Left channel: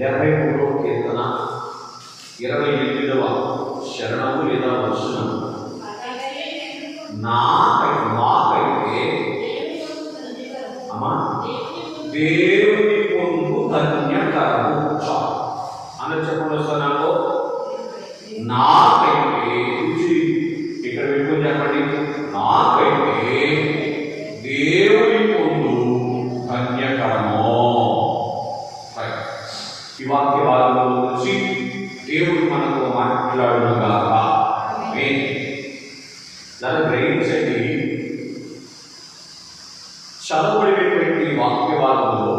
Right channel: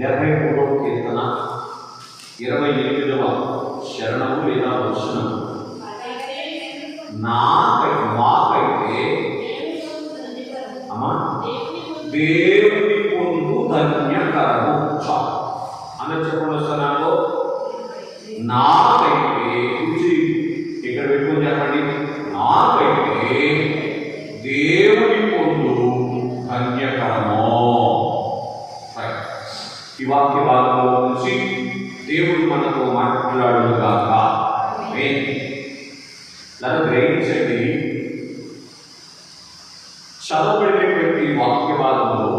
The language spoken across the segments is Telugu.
73వ కీర్తన 28వ శరణము లేదా వచనం. మాకైతే దేవుని పొందు ధన్యకరము అని చెప్పడం వస్తున్నాను. నాకైతే ఇక్కడ పెట్టుకుని చెప్పండి, నాకైతే దేవుని పొందు ధన్యకరము. ఈ వాక్య భాగంలో నుంచి దేవుడు మనతో మాట్లాడుగాక. నన్ను గ్రహించండి, చదవబడినటువంటి వాక్య భాగంలో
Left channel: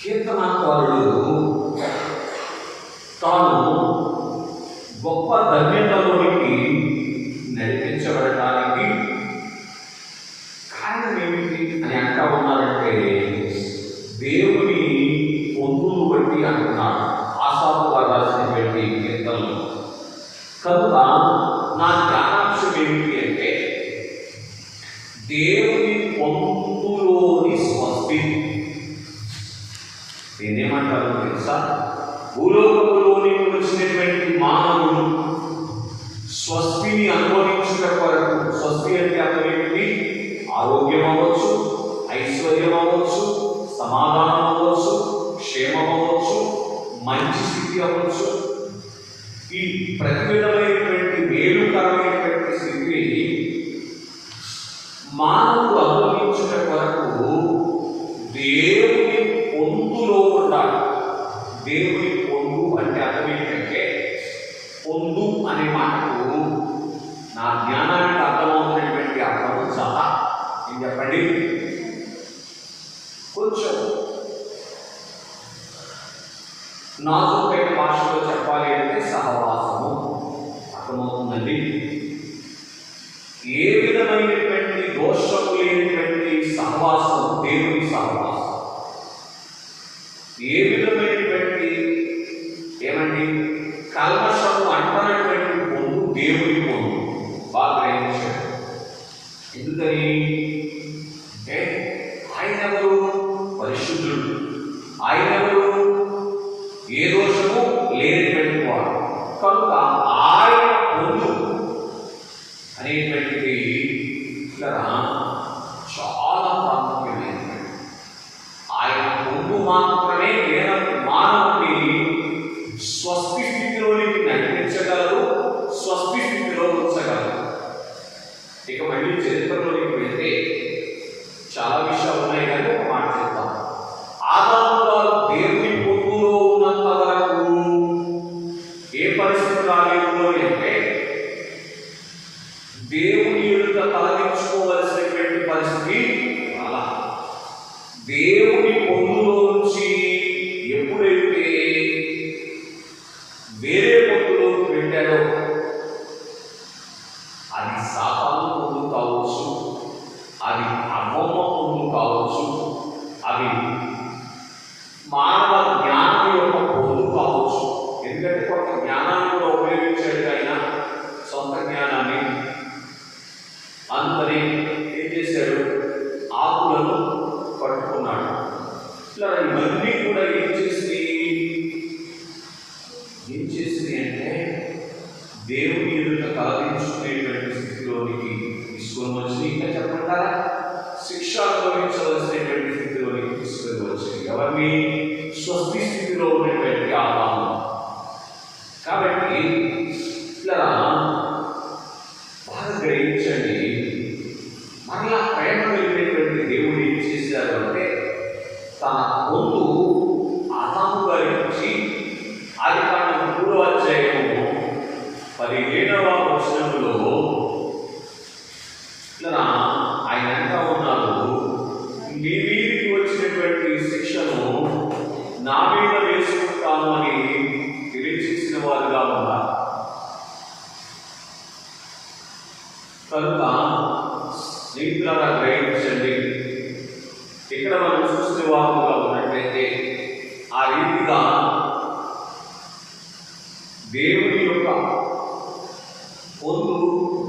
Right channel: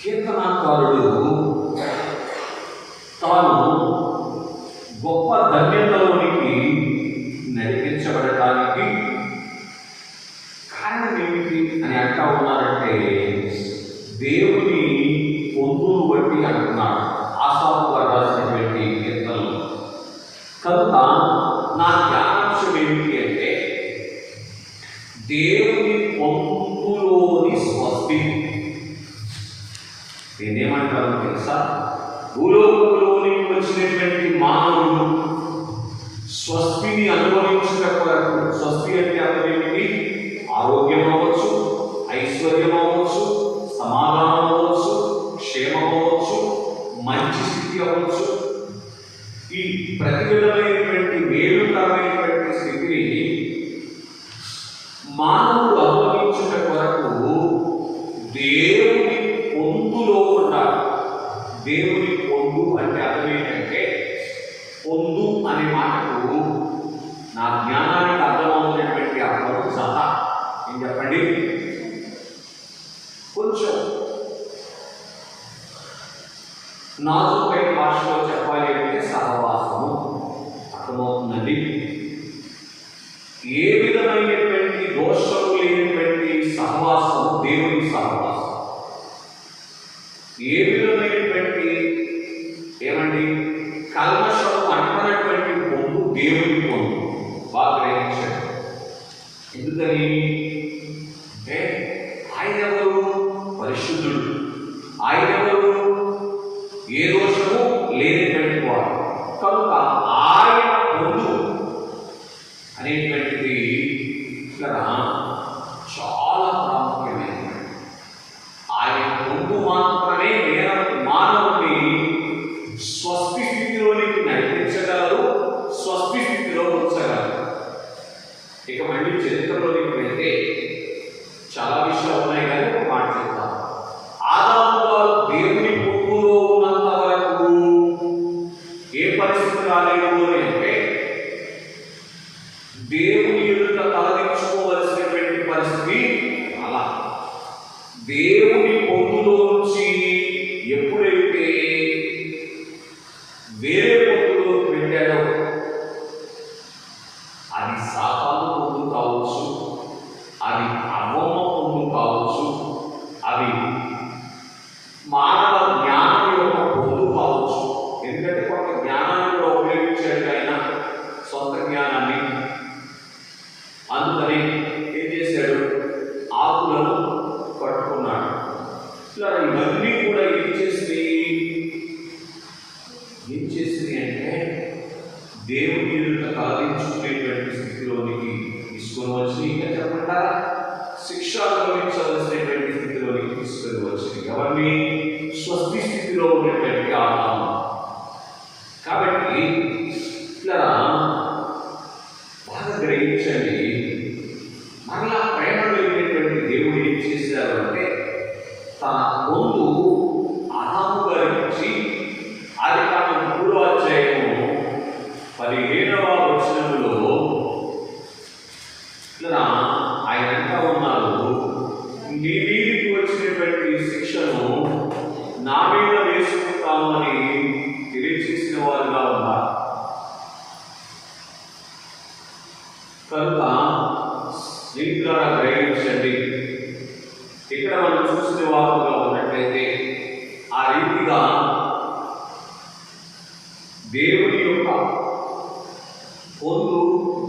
కీర్తనాకారుడు తాను గొప్ప ధన్యతలోనికి నడిపించబడటానికి కారణం ఏమిటి అని అంటా ఉన్నారంటే, దేవుని పొందును బట్టి అంటున్నాడు ఆసాపు గారు రాసినటువంటి కీర్తనలు. కనుక నా జ్ఞానాంశం ఏమిటి అంటే, దేవుని పొందులోని స్వస్తి. నేనేమంటాను తెలుసా? భూలోకంలోనికి వచ్చినటువంటి మానవుడు స్వస్తిని అనుభవించిన కొరకు, స్వస్తి అంటే అర్థం ఏమిటి? ఆరోగ్యం అవ్వచ్చు, ఐశ్వర్యం అవ్వచ్చు, సమాధానం అవ్వచ్చు, క్షేమం అవ్వచ్చు, మంచి స్థితి అవ్వచ్చు. ఈ ప్రతి విధమైనటువంటి మేలుకరమైనటువంటి స్థితిని మానవుడు అనుభవించిన కొరకు దేవుని పొందులో ఉండాలి. దేవుని పొందు అంటే అర్థం ఏంటంటే, పొందు అనే మాటకు నా జ్ఞానానికి అర్థమవుతున్నటువంటి అర్థం సహా ఏం చెప్పండి? కొంచెం నాజుకైన భాషలో చెప్పాలి అంటే సహవాసము అర్థమవుతుందండి. ఏ విధమైనటువంటి దోషము లేనటువంటి సహవాసము దేవుని సహవాసం. ఏ విధమైనటువంటి ఏమండి కల్మషము అంటున్నటువంటి పొందు దేవుని పొందు. బాగా గ్రహించండి. ఎందుకని అంటే ఆయన ఎవరు? పరిశుద్ధుడు. ఆయన ఎవరు? ఏ దోషము లేనటువంటి వాడు. కనుక ఆయన పొందు అనేటువంటిది ఇక్కడ చాలా ప్రాముఖ్యమైనది. ఆయన పొందు మాత్రమే మానవుని స్వస్తి స్థితిలోనికి నడిపించగలరు, స్వస్తి స్థితిలో ఉంచగలరు. ఇక మళ్ళీ చరిత్రలోనికి వెళ్తే చాలా విషయాలు ఉన్నాయి కానీ ఒక మాట చెప్తాను. ఆదాము గారు దేవుని పొందులో ఉన్నంత వరకు ఏ పరిస్థితి రాలేదు అని అంటే, దేవుని ఎదుట తలదించుకోవలసినటువంటి పరిస్థితి అలా. దేవుని పొందులో నుంచి ఎప్పుడైతే వేరే పొందులోకి వెళ్ళాడో, అది శాపాలు పొందు కావచ్చు, అది అమోమ పొందు కావచ్చు, అవి మానవ జ్ఞానం యొక్క పొందు కావచ్చు. ఎందుకంటే కొంత జ్ఞానాన్ని కూడా ఉపయోగించాడు ఆయన, సొంత జ్ఞానాన్ని. అందుకని ఏం చేశాడు? ఆకులను పట్టుకున్నాడు. ఇలా ఇవన్నీ కూడా ఏం చేసింది అంటే దేవుని ఎదుట కాదించుకునేటువంటి స్థితిలోనికి తీసుకొని వచ్చి, ఇంకా చెప్పకుండా శిక్ష అనుభవించవలసినటువంటి స్థితిలోనికి తీసుకొని వచ్చింది. ఎవరిని? స్వస్తి స్థితిలో ఉన్నటువంటి ఆత్మ. కాబట్టి ఇట్లా బాగా గ్రహించండి. మనలా ప్రేమ కలిగినటువంటి దేవుడు ఏం చేశారు అంటే, తన పొందు ఆదాము గారికి ఇచ్చి, అది కారణం 3వ అధ్యాయము 17వ వచనంలో ఇలా ఆయన అంటా ఉన్నారు, నీ మీదికి వచ్చినటువంటి శిక్షను నా మీద వేసుకుంటాము అని తెలియచేసిన వారుగా ఉన్నారు. కనుక స్నేహితులారా గ్రహించండి. ఇక్కడ మనం చూసిన వారుగా ఉన్నట్లయితే ఆ రీతిగా దేవుని యొక్క పొందు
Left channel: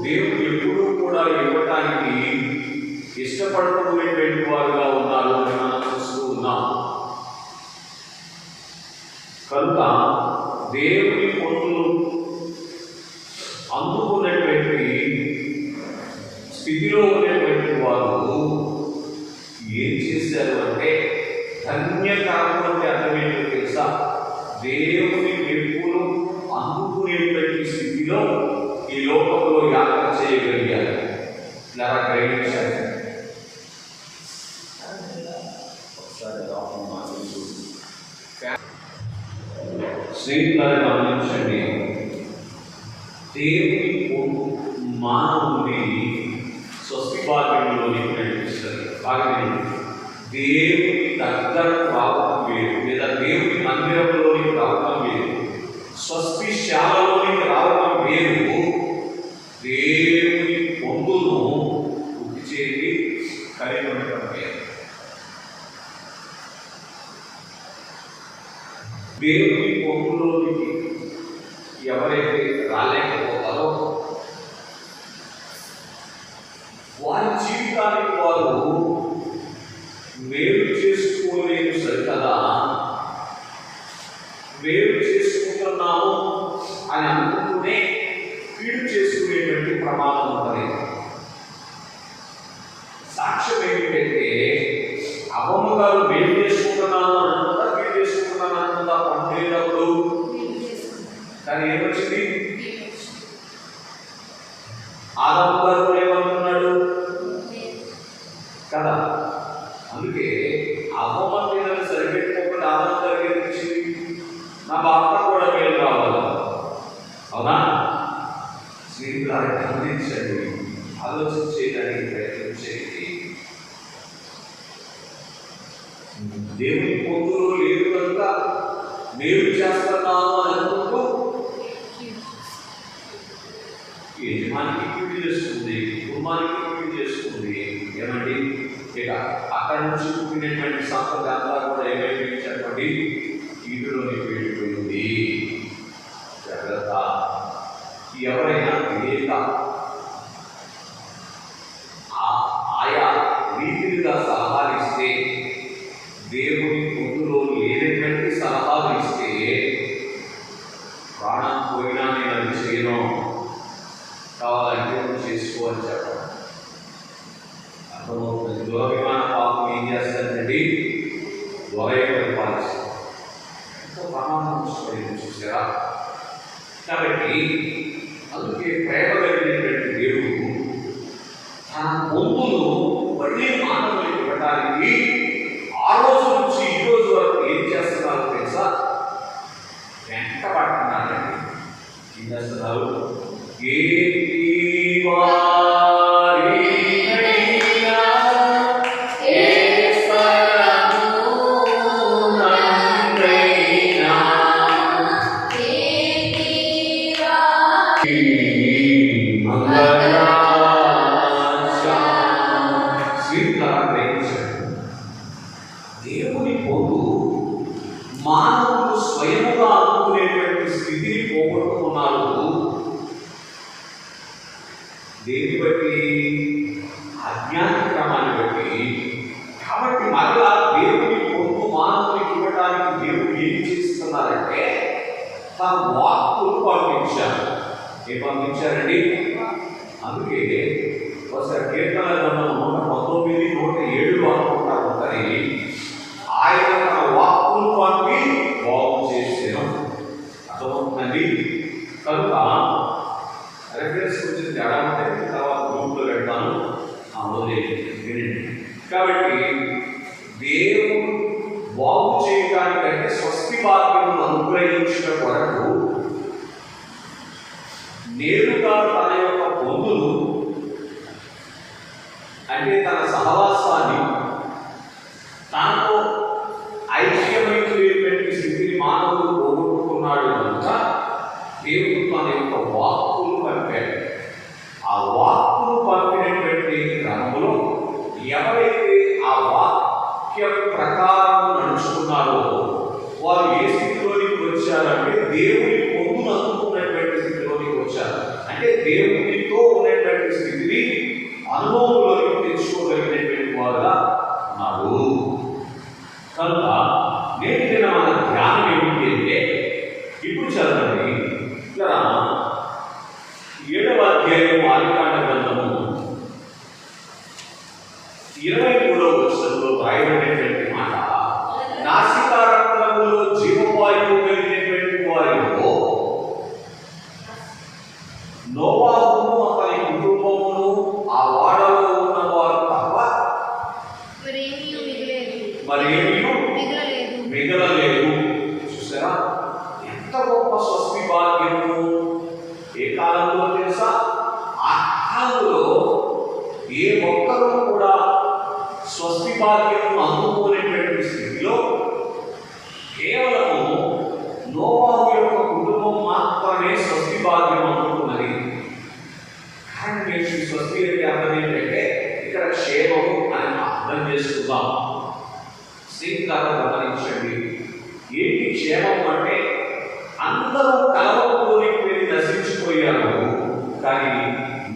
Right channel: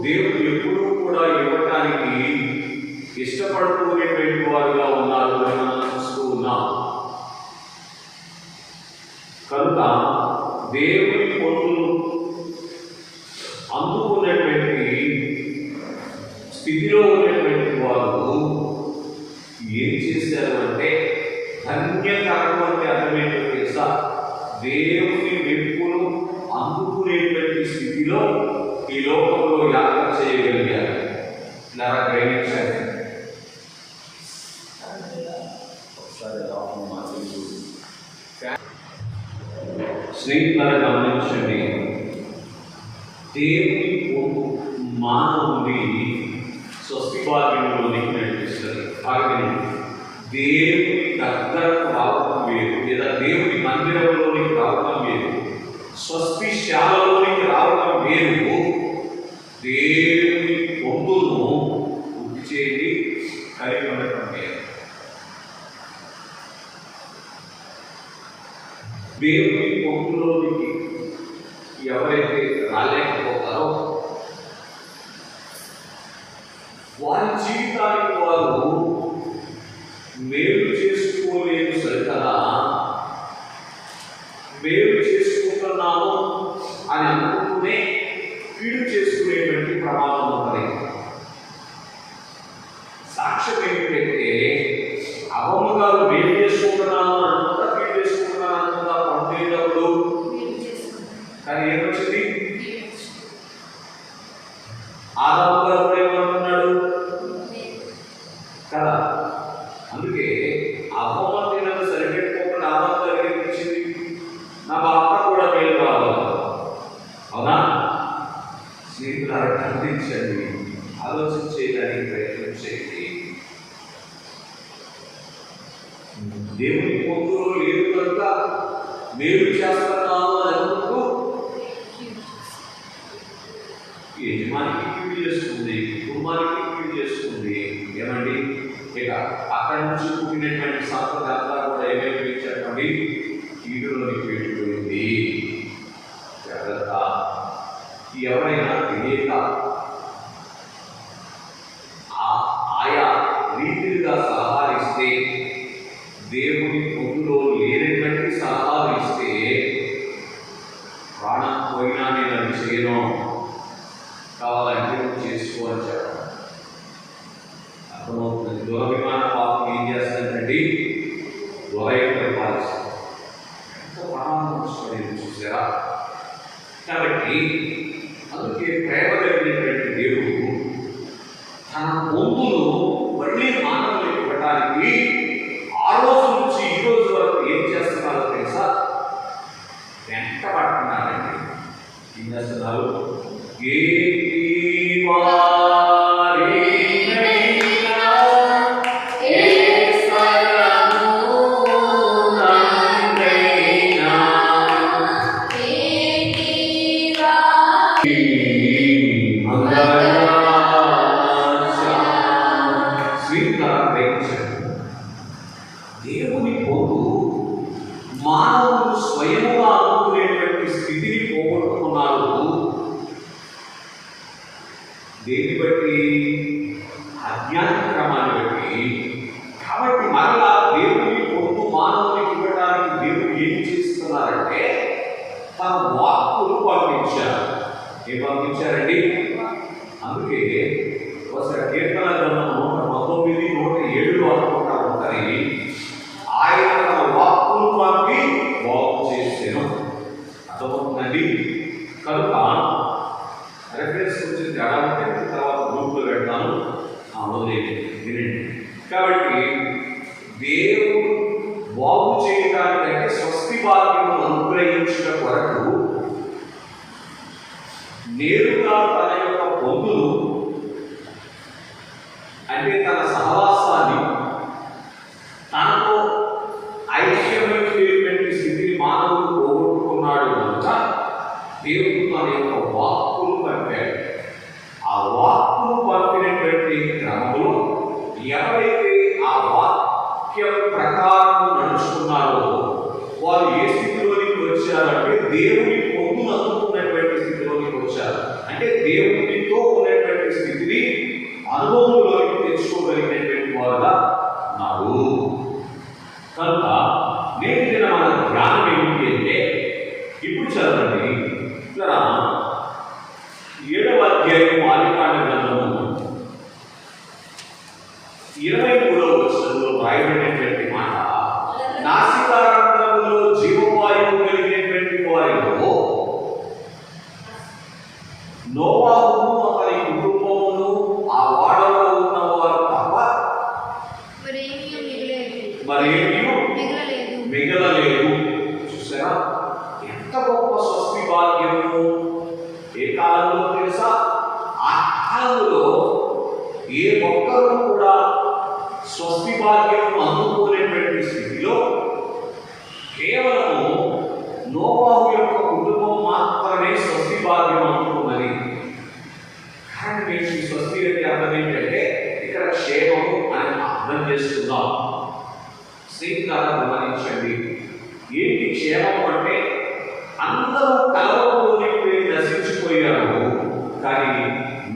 దేవుడు ఎప్పుడూ కూడా ఇవ్వటానికి ఇష్టపడుతున్నటువంటి వారుగా ఉన్నారు అని మనం చూస్తూ ఉన్నాం. దేవుని పొందులు అందుకునేటువంటి స్థితిలో ఉన్నటువంటి వారు ఏం చేశారు అంటే, ధన్యకారం అంటే అర్థమేంటో తెలుసా? దేవుని మెప్పులు అందుకునేటువంటి స్థితిలో ఈ లోకంలో యాత్ర చేయగలిగారు. ఇలా గ్రహించారు. స్నేహితులను గమనించండి. దేవుని పొందు మానవుని స్వస్తి భాగ్యంలోనికి నడిపిస్తారు. దేవుని దగ్గరకు రావడం వేరు, లేదా దేవుని మందిరంలోనికి రావడం వేరు, స్వస్తిశాలలోనికి రావడం వేరు. దేవుని పొందును వృద్ధి చేసి కలిగి ఉండటం వేరు. దేవుని పొందులోనికి ఎవరైతే రాలేకపోతారో వారి జీవితానికి వారు మేలు చేసుకోలేని సరికదా, మేలు చేసుకుంటున్నాము అని అనుకుంటూనే కీడు చేసుకునేటువంటి ప్రమాదం ఉంటుంది. సాక్ష్యం ఏమిటంటే, అమ్మమ్మ మేలు చేసుకుంటున్నాను అనుకుంటా, కీడు చేసుకుంటున్నాను అనుకుంటా పండుగప్పుడు కానీ ఏమొచ్చింది? ఆదాము గారు ఏమంటున్నాడు కదా. అందుకే అమ్మమ్మ తినని సరిపెట్టుకోకుండా ఆదాము గారికి ఇచ్చింది, నా భర్త కూడా మేలు రావాలి. అవునా? స్నేహితులను గమనించండి, ఆలోచించేదానికి ప్రయత్నం చేయండి. దేవుని పొందులు లేదు కనుక మేలు చేస్తున్నాను అని అనుకుంటూ యజమానికి కీడు చేస్తుంది, కుటుంబానికి కీడు చేస్తుంది. ఏమండి, ఇక అక్కడి నుంచి పుట్టినటువంటి సంపద అంతా కూడా ఏమైపోయింది చెప్పండి? కీడులోకి వెళ్ళిపోయింది. జాగ్రత్త. ఎవరైనా తెలియక ఆయా రీతిగా సలహాలు ఇస్తే, దేవుని పొందులో లేనటువంటి సలహాలు ఇస్తే, ప్రాణం పోయినా నేను అది చేయను, కావాలంటే చేసుకోవాలి చెప్పడం అర్థమవుతుంది. దురభిమాన పాపం ఏం చేస్తానండి? దురయకం పాలిస్తాం. ఎంతో ప్రమాణం చూసారా? కాబట్టి అందుకే ప్రేమ కలిగినటువంటి దేవుడు తన పొందులు మళ్ళీ మానవులకు ఇవ్వడానికి ఆ రోజు నుంచి ఈ రోజు వరకు ఏం చేస్తున్నారో తెలుసా? వెంట పడుతున్నారండి. ఏం చేస్తున్నారు? దేవుని పొందు మానవులు స్వయముగా అనుకునేటువంటి స్థితిని పోగొట్టుకున్నారు. దేని బట్టి? అజ్ఞాన క్రమాన్ని బట్టి. కాబట్టి మరలా దేవుని పొందు మానవునికి ఇవ్వడానికి దేవుడు ఏం చేస్తున్నారంటే, తన వాక్కులు పంపించారు. ఏం పంపించారండి? అందుకే ఒకసారి కీర్తన గ్రంథం 119, 107 అనుకుంటా ఉంటాయి. ఆయన తన వాక్కులు పంపి బాగు చేసాను. అర్థమవుతుందండి. కనుక రెఫరెన్స్ గురించి తేడా ఉంటే తర్వాత గ్రూప్లో పెడతాను, వినండి. కాబట్టి దేవుడు బాగు చేయడానికంటే స్వస్తి భాగ్యము అనుగ్రహించిన కొరకు నేరుగా తన యొక్క పొందులు అంటే తన సహవాసాన్ని, తనతో ఐక్యమైనటువంటి స్థితిని మానవుడు పోగొట్టుకున్నాడు కనుక దేవుడు తన యొక్క వాక్కులు పంపాడు. ఆ వాక్కులు పంపినటువంటి క్రమంలో ఎవరైతే ఆ వాక్య ప్రకారం నడుచుకున్నారో వారు ఏ స్థితిలోనికి వచ్చారంటే దేవుని పొందును అందుకున్నటువంటి స్థితిలోనికి వచ్చారు. అంటే దేవునితో ఉన్నటువంటి స్థితిని అనుభవంలోకి తెచ్చుకోగలిగినటువంటి వారుగా ఉన్నారు. కనుక నేటి మన ధ్యానం ఏమిటి అంటే, ఇప్పుడు చదవండి. ఇక్కడ 7వ అధ్యాయం ఆదికాండ గ్రంథము 23వ వచనంలో రాయబడినటువంటి మాట, నాసికారంధ్రములో జీవవాయువు కలిగినటువంటి వారిలో నోవాహును అతని కుటుంబమును ఆ వాడలో ఉన్నవారు తప్ప మరేమీ మిగలలేదు. చూసారా ఎంత గొప్ప స్వస్తి భాగ్యము! ఏ కాలంలో తెలుసా? ఆ కాలంలో ఏ ఒక్కరూ కూడా స్వస్తి భాగ్యము అందుకోలేటువంటి స్థితిలో కేవలము నోవాహు యొక్క కుటుంబం మాత్రమే స్వస్తి భాగ్యం అందుకున్నది. కానీ మీరు ఈ స్వస్తి అంటే అర్థం ఏంటంటే ఇక్కడ క్షేమము అని అర్థం చేసుకుందాం. శ్రీకారం గమనించండి. ఏంటి క్షేమం అంటే? అందరూ కలవలోని వెళ్ళి నశించిపోయారు, కానీ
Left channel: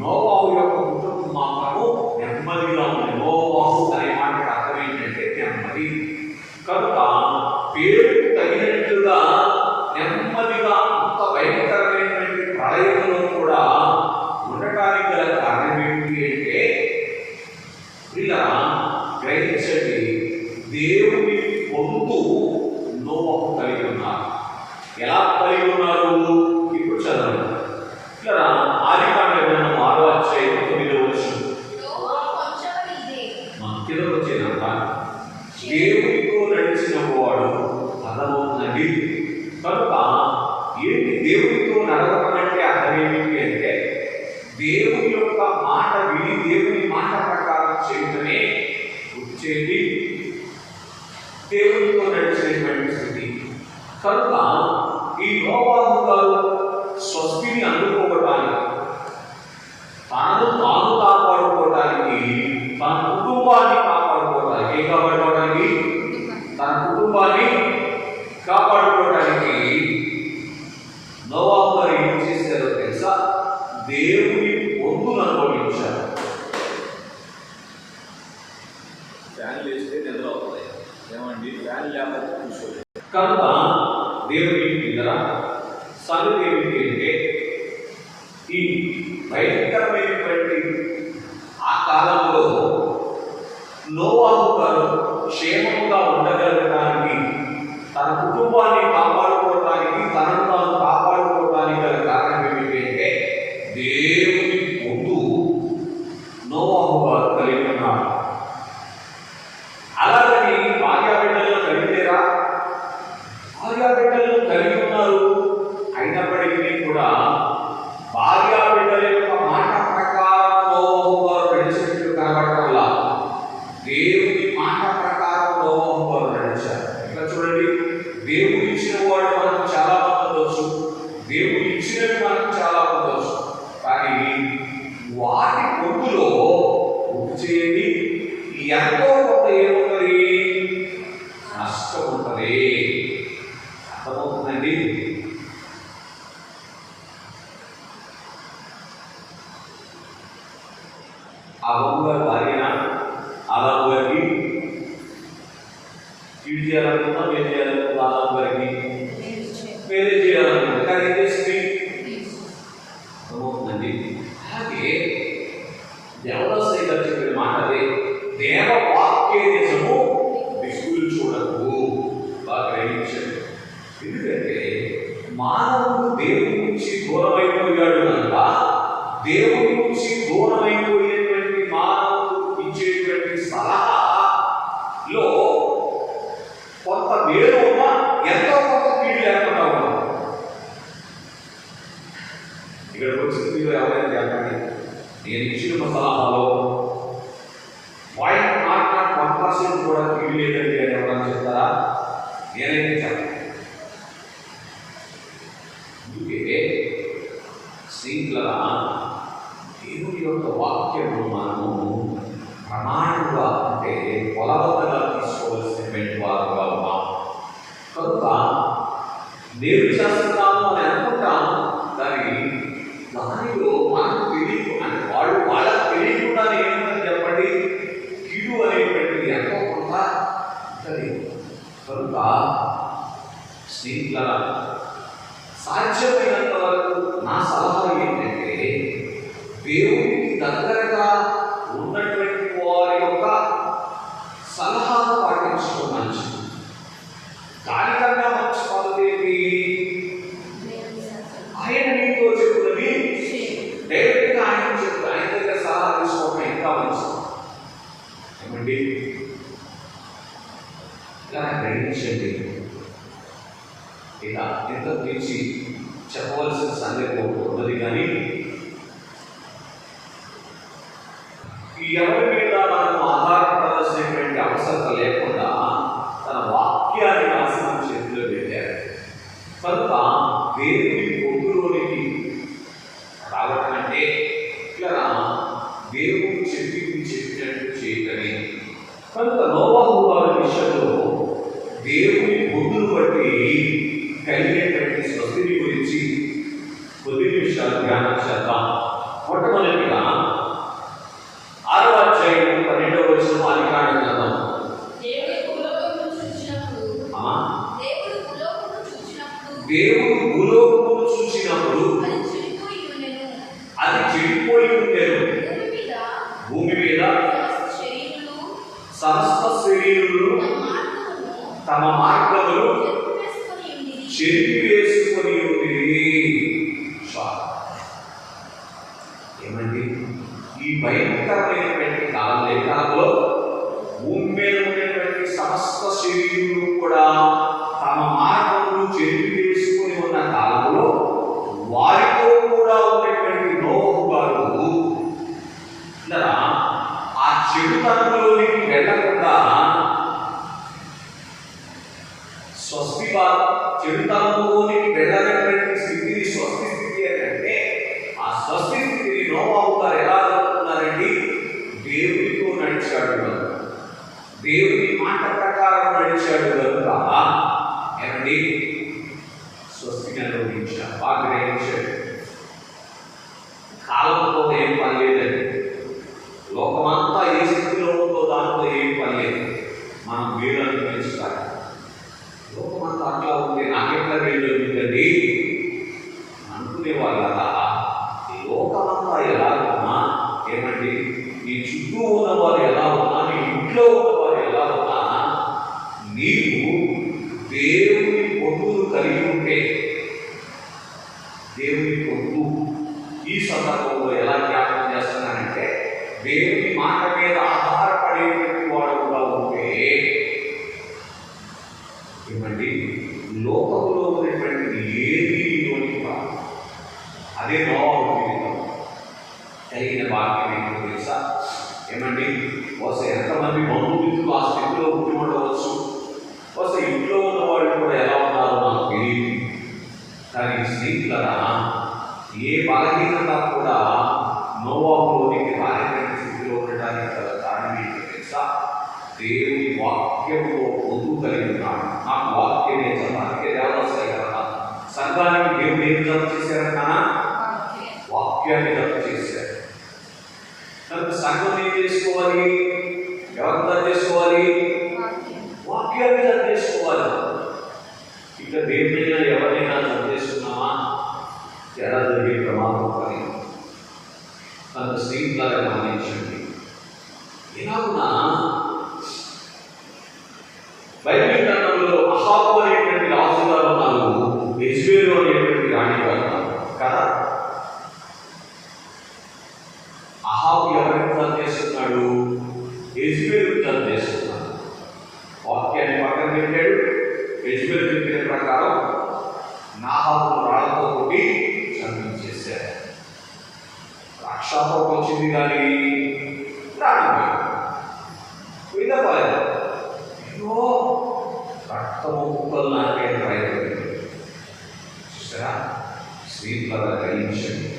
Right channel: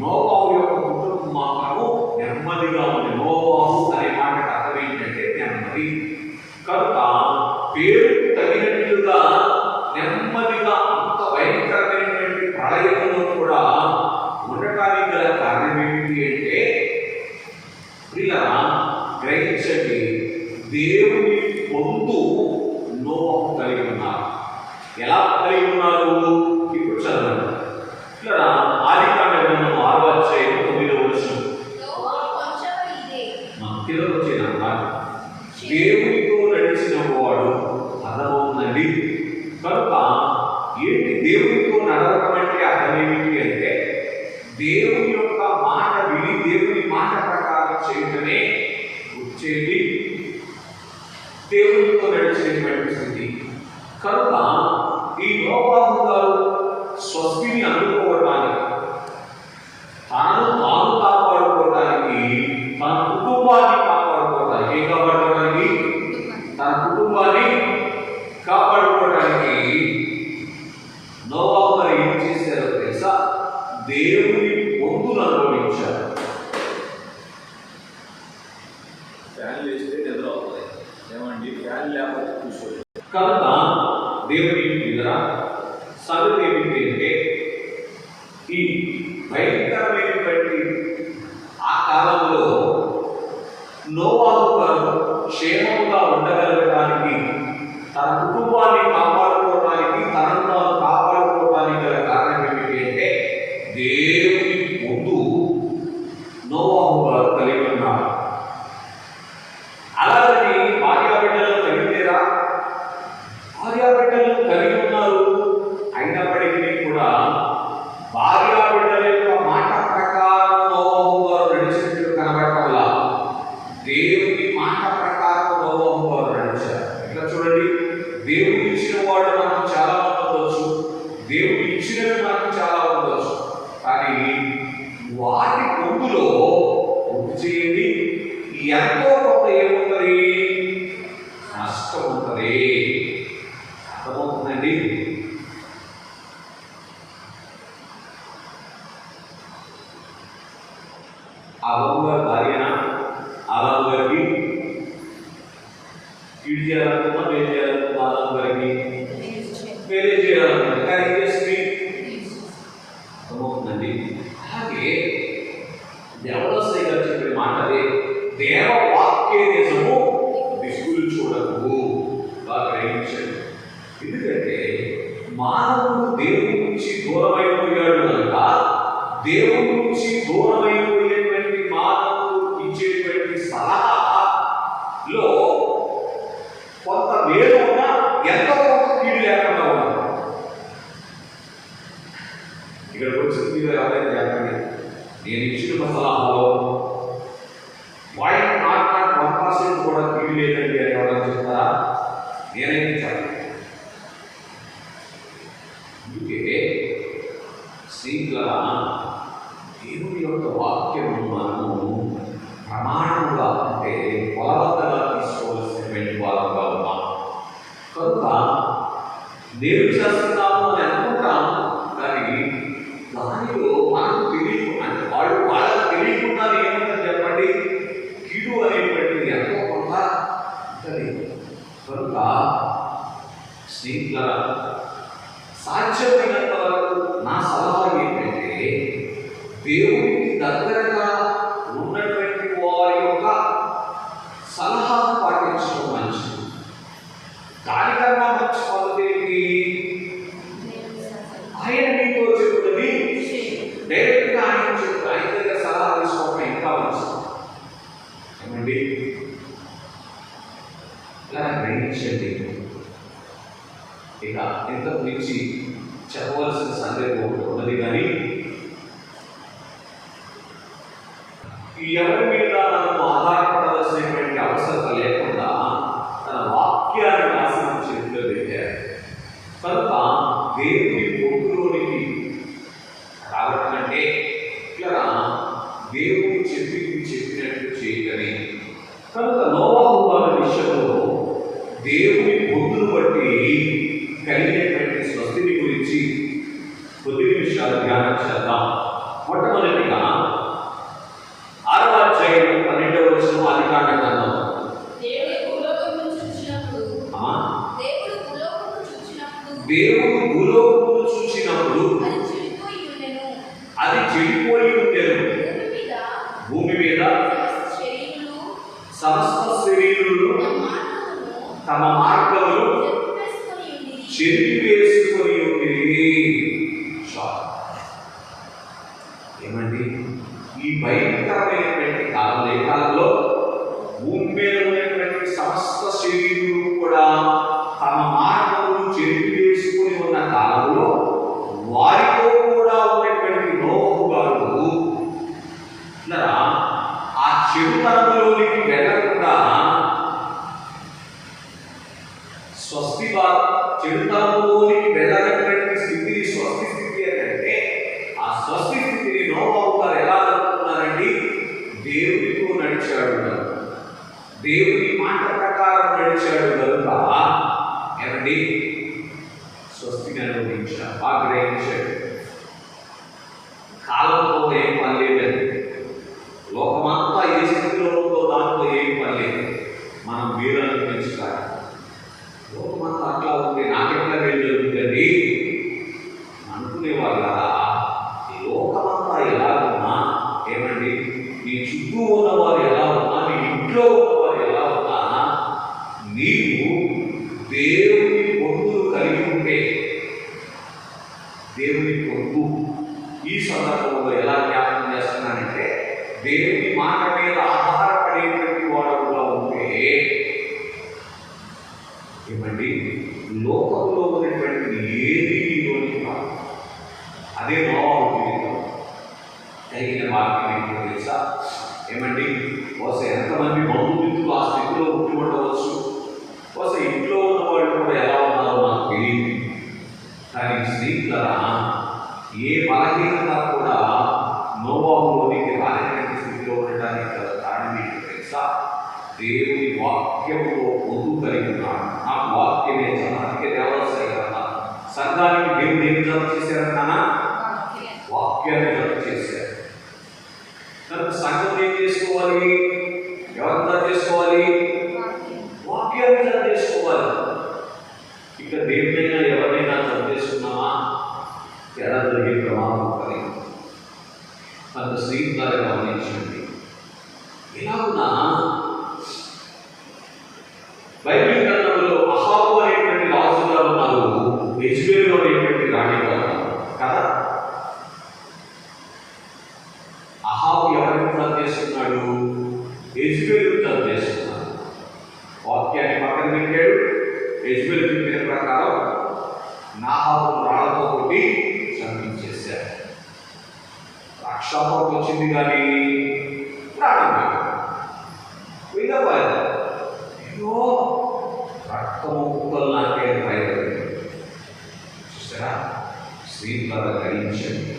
నోవాహు యొక్క కుటుంబం మాత్రము నెమ్మదిగా ఉంది. నోవాహు అనే మాటకు అర్థం ఏంటంటే నెమ్మది. కనుక పేరుకు తగినట్లుగా నెమ్మదిగా అంత భయంకరమైనటువంటి ప్రళయంలో కూడా ఉండటానికి గల కారణం ఏంటి అంటే, ప్రియులారా గ్రహించండి, దేవుని పొందు నోవాహు కలిగి ఉన్నారు. ఎలా కలిగి ఉన్నారు? ఇప్పుడు చదవండి. ఇక్కడ ఆదికాండ గ్రంథం 6వ అధ్యాయం 9వ వచనం కిందకు వచ్చేదంట. దేవునితో నడిచిన వాడు అర్థమవుతుందండి. కనుక ఏంటి దేవునితో నడవడం అంటే? అర్థం ఏమిటి అంటే దేవుని యొక్క మాట విని దేవుని మాట ప్రకారం చేయటమే వచ్చేది దేవునితో నడిచేటువంటి స్థితి. కనుక ఈ నోవాహు గారు స్వస్తిని అందుకోవడానికి, తాను కాపాడుకోవడానికి, తన కుటుంబాన్ని కాపాడుకోవడానికి, ఏం కాపాడుకోవడానికి? తన కుటుంబాన్ని కాపాడుకోవడానికి నోవాహు గారు ఏం చేశారో తెలుసా? దేవుని పొందును అనుభవించారు. ఫ్యాన్ లేస్తే నిద్ర అవుతుంది ఏమండి? ఫ్యాన్ లేకపోతే కూర్చోలేదు. కనుక దేవుని నిద్ర సంగతి ఏమిటి అంటే, ఈ భయంకరమైనటువంటి ఆ కాలంలో నోవాహు గారు క్షేమంగా ఉండగలగడానికి, తన కుటుంబాన్ని కాపాడుకోవడానికి, తనను తాను కాపాడుకోవడానికి గల కారణం ఏమిటి అంటే దేవుని పొందు నోవాహు గారు కలిగి ఉన్నారు. అలాగని భార్యాబిడ్డలు కలిగిలేరా? భార్యాబిడ్డలు కలిగి ఉన్నారు. అయినప్పటికీ కూడా భార్యాబిడ్డల యొక్క మాట ప్రకారం నోవాహు గారు నడిచినట్టు కనబడటం వల్ల దేవుని మాట ప్రకారం నోవాహు గారు నడిచారు. ఇట్లా చూడండి, దేవుడు ఇచ్చిన వాడు మనకు చాలా ఉండవచ్చు, దేవుడు ఇచ్చినవి మనకు చాలా ఉండవచ్చు, కానీ వాటి పొందులో గుర్తు చేయండి, ఎంతో కొంత ఏముంటుంది? నష్టం ఉంటుంది. అర్థమవుతుందండి? ఆదాము గారి భార్యన ఆదాము గారికి కీడు చేయాలనుకుందా, మేలు చేయాలనుకుందా? ఆదాము గారికి మేలే చేయాలనుకుందా, కానీ ఏం చేస్తుంది? అర్థమవుతుందండి? అలాగే దేవదాసయ్య గారు చెప్పిన మాట అదే, దేవవాక్యే నిజము దిక్కులు చూడకు. బాగా గ్రహించండి. ఎందుకంటే మానవుడు దేవుడి నుంచి దూరమైపోయాడు కనుక, దేవుడి నుంచి దూరమైపోయేటువంటి మానవుడు ఇచ్చేటువంటి సలహాలో కొంత మేలు ఉన్నా ఎంతో కొంత కీడు లేకుండా ఉన్నా. ఇక్కడికి వచ్చిన మీరు ఎవరైనా చెప్పండి, నేను ఇచ్చిన సలహాలో 1% కూడా కీడు లేదండి అని ఎవరైనా చెప్తారా? నేనైతే చెప్పాను. అందుకే శ్రీలా దేవుని యొక్క వాక్యము మనము ప్రమాణంగా అంటే కొలతగా తీసుకోవాల్సినటువంటి వారుగా ఉన్నాం. కనుక దేవుడు చేస్తున్నాము అని అనుకుంటాం, కానీ దానిలో మనకు తెలియదు. అంటే వాళ్ళకి తెలియకుండా ఏముంటుంది చెప్పండి? కీడు అనేటువంటిది ఎంతో కొంత ఉంటుంది. కనుక స్నేహితుల సాధ్యమైనంత వరకు నా సలహా ఏంటంటే, దేవునికి దగ్గరగా ఉన్నటువంటి వారి యొక్క సలహాను పాటించడం మంచిది. దానికన్నా మంచి పద్ధతి ఏంటి? ఆయన నీతో చెప్తున్నది డైరెక్ట్గా ఆయన దగ్గర సలహా తీసుకోవడం ఇంకా మంచిది. ఏమండి, ఇలా గ్రహించండి. ఇక ఇంత గురించి చెప్పవలసిన సందేహం ఉన్నది, కానీ ఎవరి మీద మనం ఆధారపడాల్సినటువంటి అవసరం లేకుండా తన వాక్యాన్ని రాసిన చేతిలో పెట్టారు. కనుక దేవుని పొందులోనికి రావడం అంటే ఇట్లా దేవుడు చెప్పినట్టు చేయటని. కనుక నోవాహు వారి విషయంలో దేవుని పొందును బట్టి కలిగినటువంటి స్వస్తిని గురించి కొద్ది నిమిషాలు ధ్యానం చేద్దాం. మొట్టమొదటిగా 6వ అధ్యాయం 12వ వచనం ఆదికాండ గ్రంథం. దేవుడు భూలోకమును చూసినప్పుడు అది చెడిపోయి ఉండెను. భూమి మీద సమస్త శరీరులు తమ మార్గములు చెరిపివేసుకొని ఉండేది. ఏమండి, ఈ భయంకరమైనటువంటి కాలంలో భూమి మీద ఉన్నటువంటి సమస్త శరీరులు కూడా తమ మార్గములు చెరిపివేసుకొని ఉన్న కాలంలో వారితో కూడా ఉన్నటువంటి నోవహు గారు ఆ చెడుతనంలోనికి వెళ్ళకుండా చెడుతనంలోనికి వెళ్ళనటువంటి స్థితిని స్వస్తి స్థితి అంటే, ఆ స్వస్తి స్థితిని నోవహు గారు ఎలా అనుకున్నారండి? దేవునితో నడిచాడు, దేవుని మాట ప్రకారం నడిచాడు కనుక ఏమండి స్వస్తిని అనుభవించాడు, ఆగ్రహించాడు. కాలంతో ఏం పని లేదండి. లోకమంతా ఏ స్థితిలో ఉందో దాంతో ఏం పని లేదు. మనం వీళ్ళని పెంచుతారు. లోకమంతా అట్లా ఉంది, నాకెట్లా వెళ్ళండి అనుకునేవాళ్ళు కదా. ఈ లోకమంతా ఎలా ఉన్నా ఏమండి, నీ చుట్టూ ఉన్నవారు ఎలా ఉన్నా, నీ ఇంట్లో ఉన్నవారు ఎలా ఉన్నా, నీవు దేవుని పొందులు కలిగి ఉంటే, దేవుని పొందు ఈ సందర్భంలో ఎలా జ్ఞాపకం చేస్తున్నానంటే, దేవుని మాట మీద ఆధారపడేటువంటి వాడుగా ఉంటే ఏమండి లోకంలో ఉన్నటువంటి ఏది నీలోని కాదు. అదే నోవహు జీవితం కలిగిన వాక్యం ఏంటో తెలుసా? ఏమండి బహుశా ఎంతమంది బంధుమిత్రులు ఆ స్థితిలో పుట్టి ఉండవచ్చు. బహుశా ఇంట్లో ఉన్న వాళ్ళు కూడా ఎలా ఉన్నారో మనకు తెలియదు. కానీ స్నేహితులరా, ఏ బలహీనత కూడా నోవహులోనికి రాలేటువంటి స్థితిలో ఉండడానికి గల కారణం ఏంటో తెలుసా? దేవుని వాక్యంలో పొందు కలిగి ఉన్నాడు. ఆ వాక్యమే అందుకే దేవాలయ కదా సంఘానికి దేవుడు ఏం జత చేశారు కన్నా? వాక్యాన్ని జత చేశారు. కనుక సంఘం ఏం చేసుకోవాలి? ఎవరు జత చేసుకోవాలి? వాక్యాన్ని జత చేసుకోవాలి. ఇక దేవుడైనా ఎవరైనా జత చేసుకున్నామా ఎలా జరిగే ప్రమాదం కలిగి. కనుక స్నేహితులను గమనించండి. ఎలా ఉన్నా బైబిల్ గ్రంథంలో అహాబు అనేటువంటి రాజు గారు ఉన్నారు, యెజ్బెలు అనేటువంటి రాణి గారు కదా. అహాబు ఎవరికి తను చేస్తున్నాడు? యెజ్బెలు తను చేస్తున్నాడు. వాక్యాన్ని పక్కన పెట్టాడు. యెజ్బెలు చెప్పిన ప్రకారం నాహాబును రాళ్లతో కొట్టి చంపించేశారు. రక్షాపం వచ్చింది కానీ ప్రాణం పోయిందా? రక్తము కుక్కలు నాకే భయపడింది. చూసారా? స్త్రీలను గ్రహించండి.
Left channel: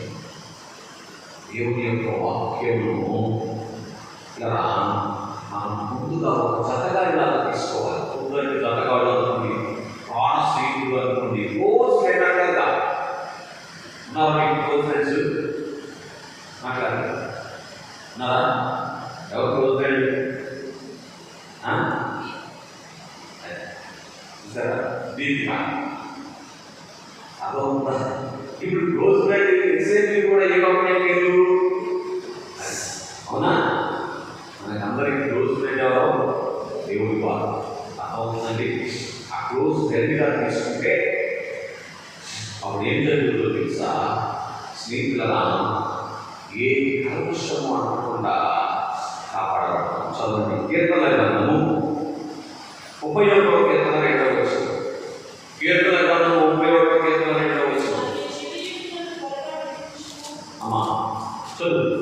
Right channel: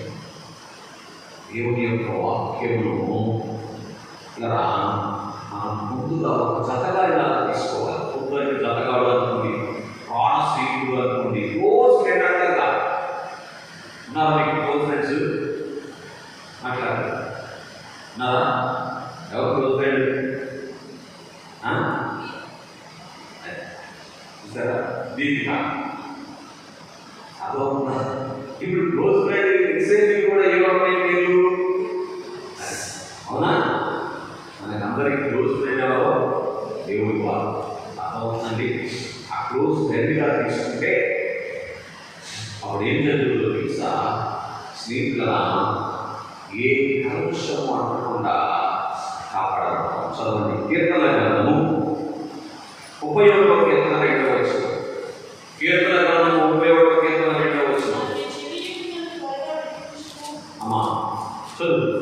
దేవుని యొక్క వాక్యమును ఇలా మనం ముందుగా ఒక జతగా ఇలా తీసుకోవాలి. కుక్కలకి జతగా అనుకోండి, ప్రాణ స్త్రీలు అనుకోండి, క్లోజ్ ఫ్రెండ్ అంటారుగా. ఉన్నారా మీకు క్లోజ్ ఫ్రెండ్స్? మాట్లాడారు ఉన్నారా? ఎవరు క్లోజ్ ఫ్రెండ్? దీపిక అదొక ఇప్పుడు క్లోజ్ ఫ్రెండ్ ఎక్స్చేంజ్ కూడా ఏ ఒక్కరు అవునా? మనకందరికి క్లోజ్ ఫ్రెండ్ ఎవరో దేవుడి వారు. అదవుతుందండి. ఆ క్లోజ్ ఫ్రెండ్గా తీసుకుంటే అప్పుడు ఏం జరుగుతుందో తెలుసా? స్నేహితుల ఏ కలుషం అనకుండా కాపాడబడతాం. చదవండి కీర్తన గ్రంథము 31వ కీర్తన 2వ వచనం. కీర్తన గ్రంథము 31వ కీర్తన 2వ వచనం. చదువు.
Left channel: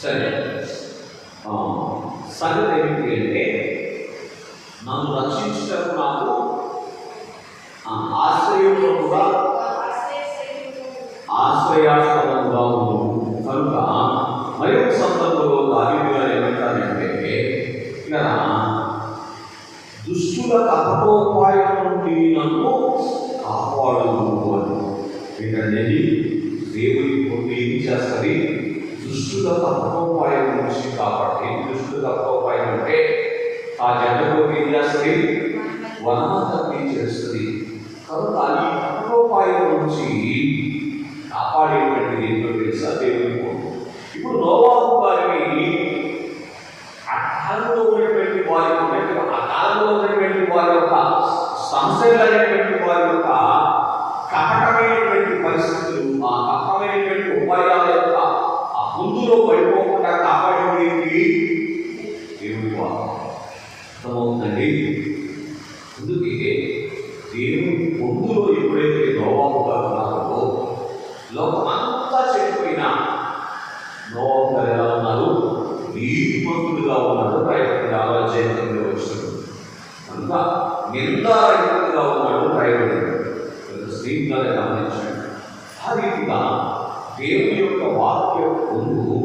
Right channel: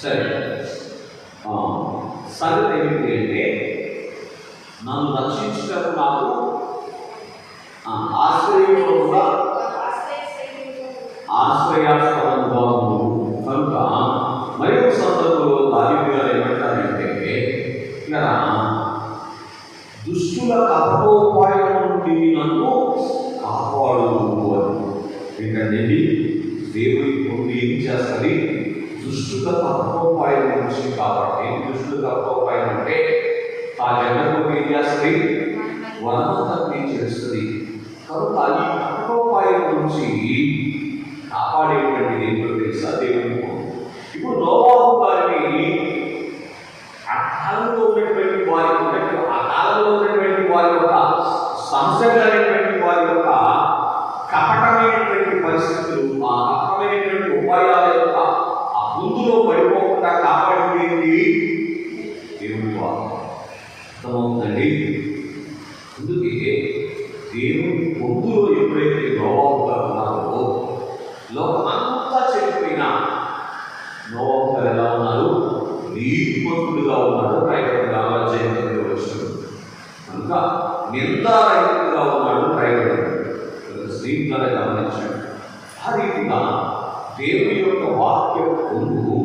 సరే, సంగతి ఏమిటి అంటే నన్ను రక్షించటకు నాకు ఆశ్రయంగా ఆశ్రయాస్పదంగా ఉంది కనుక మరి ఒక సందర్భంలో దావీదు ఏమంటారంటే ఇలా దుష్టుల కపటోపాయం నుండి నన్ను కాపాడుతూ అని. ఏంటంటే దేవుడి పొంది ఏం చేస్తుంది? దుష్టుల కపటోపాయం నుంచి కాపాడు. ఏం దుష్టుల కపటోపాయం అంటే ఆ జగన్లో ఏం చేస్తుంది? వనమంతా చేస్తుంది. కనుక ఈ కపటోపాయం నుంచి కాపాడేటువంటి దేవుడు తెలుసా? దేవుడి పొంది. ఇప్పుడు నోవాహు గారిని ఆ కాలంలో ఉన్నటువంటి వారి యొక్క సంశయమైనటువంటి వారి యొక్క కపటమైనటువంటి పరిస్థితులు, ఆ కపటమైనటువంటి ఉపాయాల యొక్క ఆ ముందులో పడిపోకుండా కాపాడేది దేవుడి వారు. అర్థమవుతుందండి? అందుకే దేవుడి పొందులో ఎప్పుడైతే నోవాహు గారు ఉన్నారో లోకమంతా చెడిపోయినా నోవాహు గారు ఎలా ఉన్నారు? నీతిమంతుడుగా ఉన్నాడు. రైతులుగా జయంతులు వచ్చాడు కనుక నిందారహితుడుగా ఉన్నాడు. రైతుడు స్త్రీగా గమనించాడు. ఆ రీతిగా దేవుని యొక్క వాక్య పొందు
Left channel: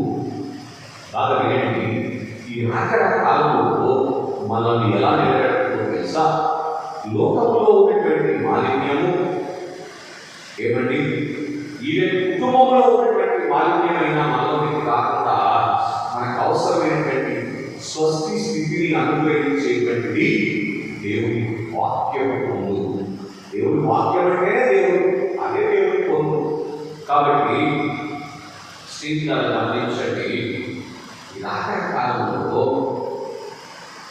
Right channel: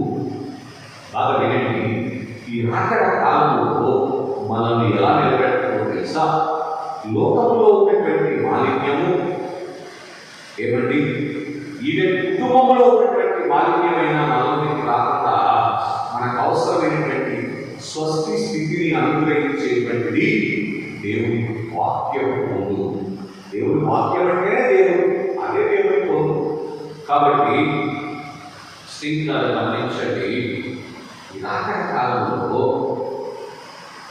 బాగా వినండి. ఈ రాకడ కాలంలో మనల్ని ఎలా నిలబెట్టుకో తెలుసా? లోకంలో ఉన్నటువంటి మాలిన్యము ఏమండి, ఈవెన్ కుటుంబంలో ఉన్నటువంటి మాలిన్యమైన మనలోకి కాకుండా మనకు అవసరమైనటువంటి స్వస్తి స్థితిని అనుగ్రహించేటువంటిది దేవుని వాక్యం పొందు. దేవుని వాక్యం అంటే దేవుడు, అదే దేవుని పొందు. కాబట్టి స్నేహితులను గమనించండి. ఈ రాకడ కాలంలో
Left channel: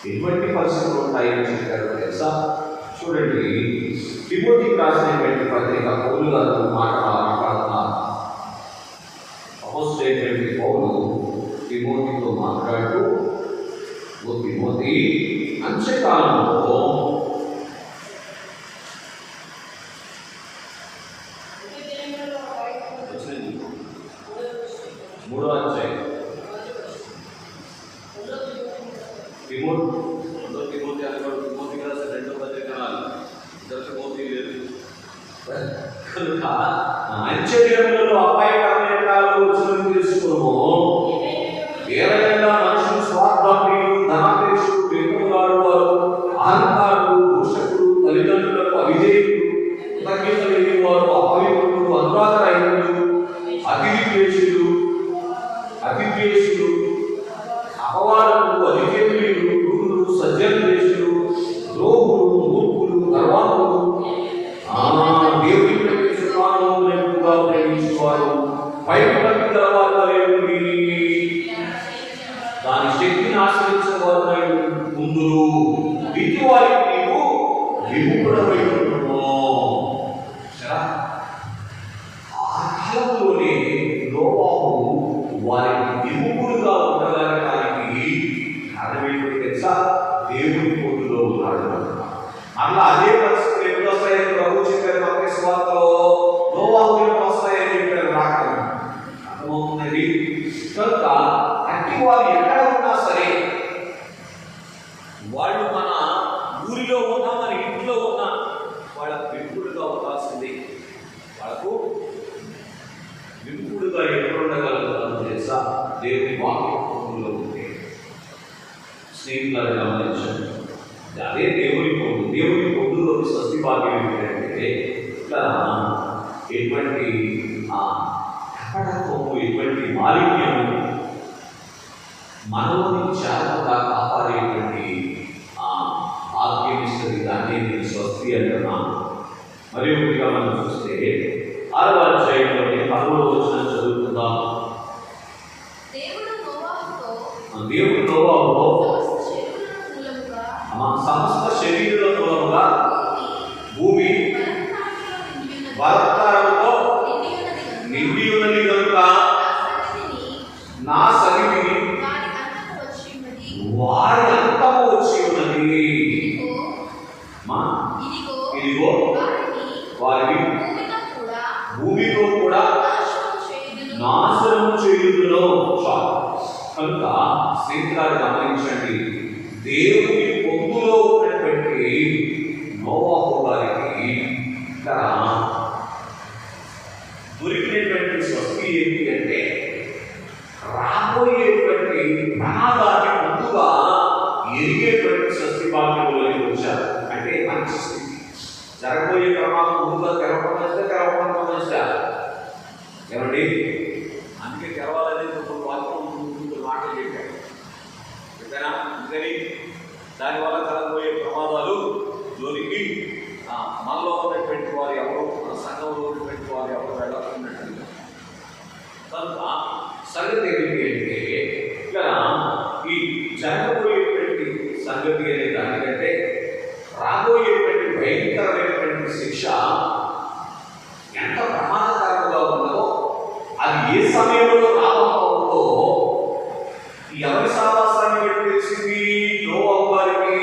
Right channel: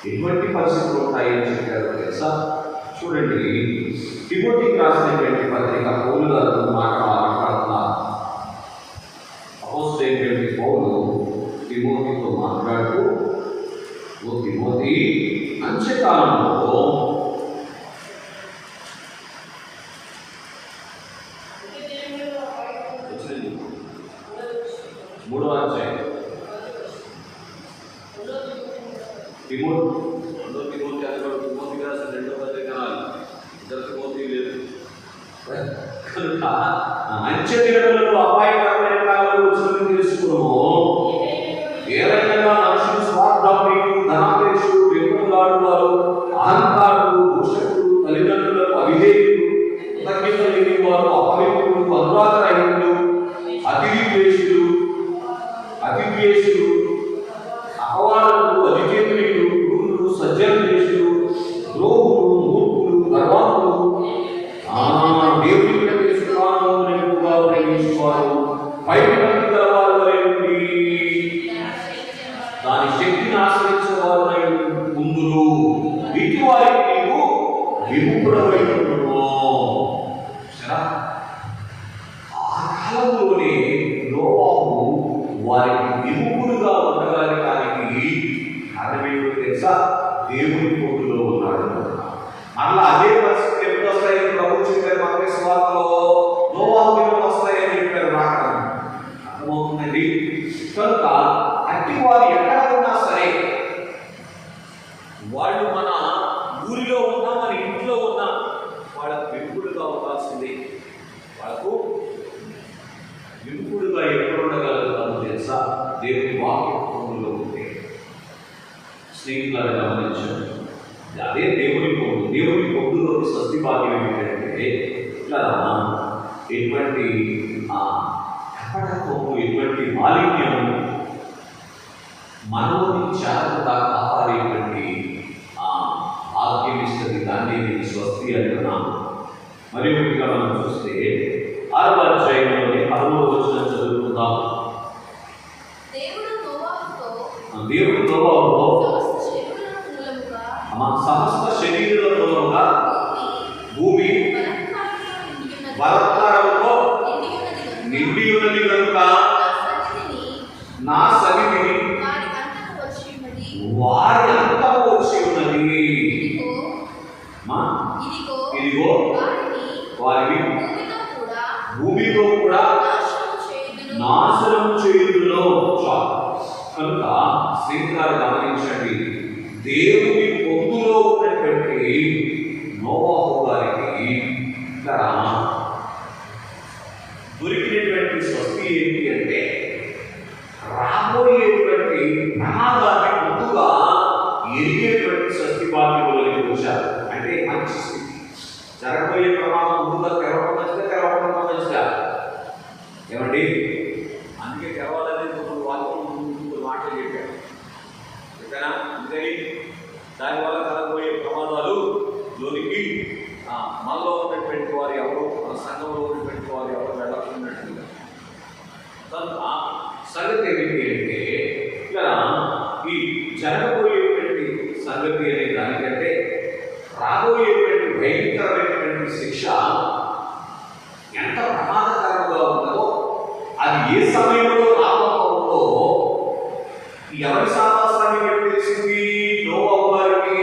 ఎటువంటి పరిస్థితులు ఉంటాయని చెప్పారు తెలుసా? చూడండి, తిమోతికి రాసినటువంటి పత్రిక పౌలు గారు మాట్లాడుతున్నారు. అపోస్తలుడైనటువంటి పౌలు తిమోతితో మాట్లాడుతూ, ఓ తిమోతి, అంత్యకాలంలో 3వ అధ్యాయం తిమోతి అనుకోడు. తిమోతి రాసిన 2వ పత్రిక ఇద్దరు తిమోతి లేదు కనుక మంచి దినములలో అపాయకరమైన కాలంలో వచ్చినట్టు తెలుసుకోము. ఏవైనా మనుషులు స్వార్థాపరులు, ధనాపేక్షులు, వ్యక్తులాడుతారు, అహంకారులు, దూషకులు, తల్లిదండ్రులకు అవిధేయులు, కృతజ్ఞత లేని వారు, అపవిత్రులు, అనురాగరహితులు, అతిద్వేషులు, అపవాదకులు, అధికేంద్రియులు, గురువులు, సజ్జనద్వేషులు, ద్రోహులు, మూర్ఖులు, గర్వాహులు, దేవుని ఎక్కువగా ప్రేమించేవారు, భయభక్తి గలవారు వలె ఉండి దాని శక్తిని ఆశ్రయించేవారు ముందురు. వీటి వారికి నీవు విముఖుడమై ఉంటున్నావు. సరే, ఆ కాలంలోనే నోవాహు వారికి విముఖుడుగా ఉండడానికి కారణం ఏంటో తెలుసా? దేవుని పొందులో ఉన్నాడు. అలా అదే పరిస్థితులు ఎప్పుడు వస్తాయని ప్రభు చెప్పారు. మత్తయి సువార్తలో నోవాహు వస్తాయని చెప్పారు. రాకడ అర్థమవుతుందండి. కనుక అట్టి వారు ఎక్కడ ఉన్నా సరే, వాళ్ళు మన ఊరిలో ఉన్నా, మన ఇంట్లో ఉన్నా, వాళ్ళకు విముఖుడుగా ఉండాల్సిందే. వాళ్ళకు విముఖుడుగా ఎక్కడ ఉండగలుగుతారు తెలుసా? దేవుని వాక్యంలో ఉంటే. స్నేహితులను గమనించండి, అదే దేవుని పొందు. దేవుని పొందులోని స్వస్తి భాగ్యం ఏమిటంటే ఇట్లా ఎటువంటి ఎటువంటి మాలిన్యము మనోని జాగ్రత్తగా కాపాడేటువంటి ఆజ్ఞం ఇస్తుంది. దాన్ని నేను స్వస్తి అంటున్నాను. మరియు ఇంకా మనం చూస్తే 6వ అధ్యాయంలోని 10వ వచనం చదువుకుందాం. దేవుడు నోవాహుతో సమస్త శరీరుల మూలముగా భూమి బలత్కారముతో నిండి ఉన్నది కనుక నా సన్నిధిని వారి అంతము వచ్చి ఉన్నది. ఇదిగో వారిని భూమితో కూడా నాశనం చేయుదును. కనుక స్నేహితులారా గమనించండి, దేవుని పొందులో ఉన్నటువంటి నోవాహు గారికి దొరికినటువంటి స్వస్తి ఏంటి అంటే రాబోయేటువంటి ప్రమాదాన్ని ముందుగా ఎరిగేటువంటి స్వస్తి బాధ్యతలోకి వచ్చారు. అంటే మంచి స్థితి, జరగబోయే ప్రమాదం ముందుగా తెరవడం మంచిదా, తెరవడం మంచిదా? ఏమండి, అందుకే తెరవాలనేది ఒక వాక్యం మాటలు చెప్పారు. అంతేనా? అందుకని దానివల్ల కలగబోయే ప్రమాదాలు జోలికి మనలో ఉన్నటువంటి వారు ఎవరు, మన సంఘంలో ఉన్నటువంటి వారు ఎవరు వెళ్ళకున్నట్లుగా. కనుక సంగతి ఏమిటి అంటే ఇక్కడ ఈ జరగబోయేటువంటి సంగతి అనే దానికంటే రాబోయేటువంటి భయంకరమైనటువంటి శిక్ష ఎంత ప్రమాదకరంగా ఉందో, అది ఏ సమయంలో రాబోతుందో ఎవరి సావాసాన్ని బట్టి తెలిసింది? నోవాహు గారికి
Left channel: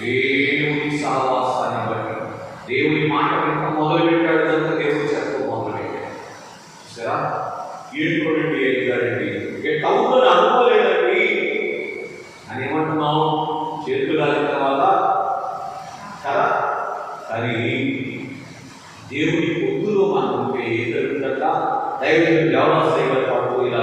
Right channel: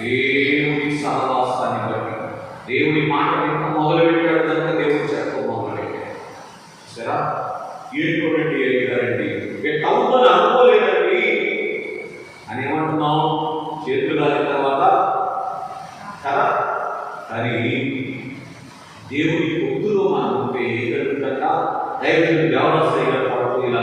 దేవుని సావాసాన్ని బట్టి. దేవుని మాట మొదలు పెట్టాడు కనుక దేవుడు చెప్పడం మొదలు పెట్టాడు. సరే, ఏడుకోండి ఎదుగారండి, అవుతుందని అనుకోలేదండి అని ఏమంటున్నాం? చేతులు కాలిన తర్వాత కదా. కానీ దేవుని పొద్దులో మనం ఉంటే ఏం జరుగుతుందట? దైవం దేవస్థ పాటు ఇలా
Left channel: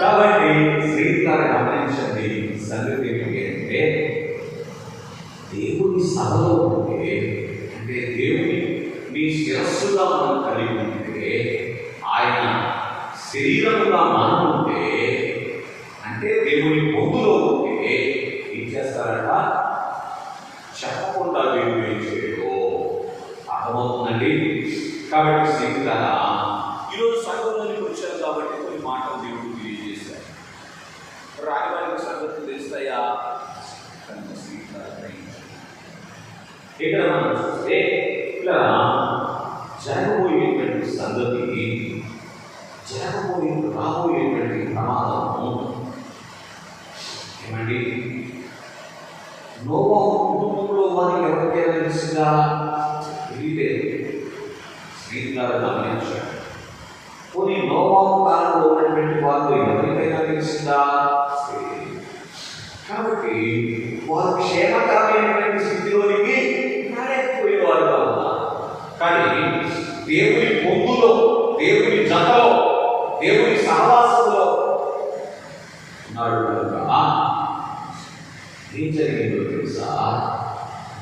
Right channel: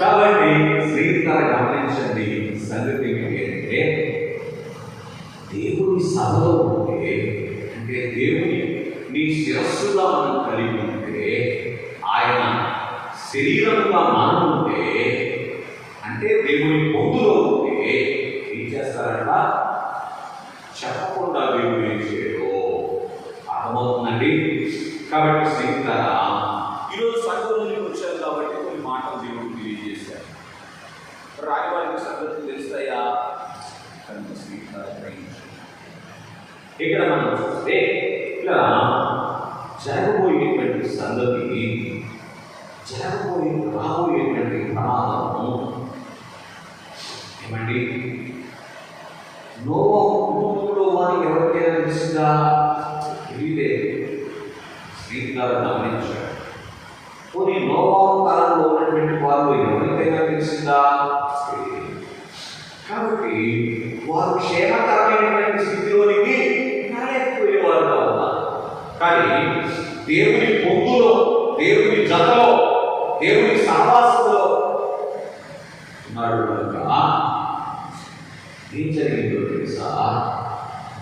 కాబట్టి స్నేహితులారా గమనించండి, సంగతి ఏంటి అంటే దేవుని సభలో ఉంటే, అంటే దేవుని నీ శిరస్సుగా మనం కలిగి ఉంటే, ఆయన శరీరంగా మనం ఉంటే, అంటే దేవుని పొందులో ఉంటే ఏం చేస్తారంట? చెప్పకుండా దేవుడు ఏం చేయడు. అర్థమవుతుందండి? కాబట్టి స్నేహితులారా, ఈరోజు సంఘంలోనికి వచ్చారు కాబట్టి కొన్ని మాటలు దేవుడు తెలియజేశారు. రాని వారికి సంగతులు తెలుస్తాయా? ఇక్కడ మనం చూస్తే ఇక్కడ జరగబోయేటువంటి సంగతి, రాబోయేటువంటి ప్రమాదము ఏమండి? నోవాహు కుటుంబంలో వారికి ఎవరికైనా తెలిసిందా? తెలియలేదు. స్నేహితులారా గమనించారు. కొన్ని నోవాహు కాలంలో ఉన్నటువంటి వారు ఎవరికైనా తెలిసిందా? కాబట్టి వారు క్షేమకరమైనటువంటి స్థితిలోనికి రాలేకపోయేవారుగా ఉన్నారు. కానీ దేవుని పొందులో, దేవుని జతలో, దేవుని సహవాసంలో ఉన్నాడు కనుక ఏం జరిగిందో తెలుసా?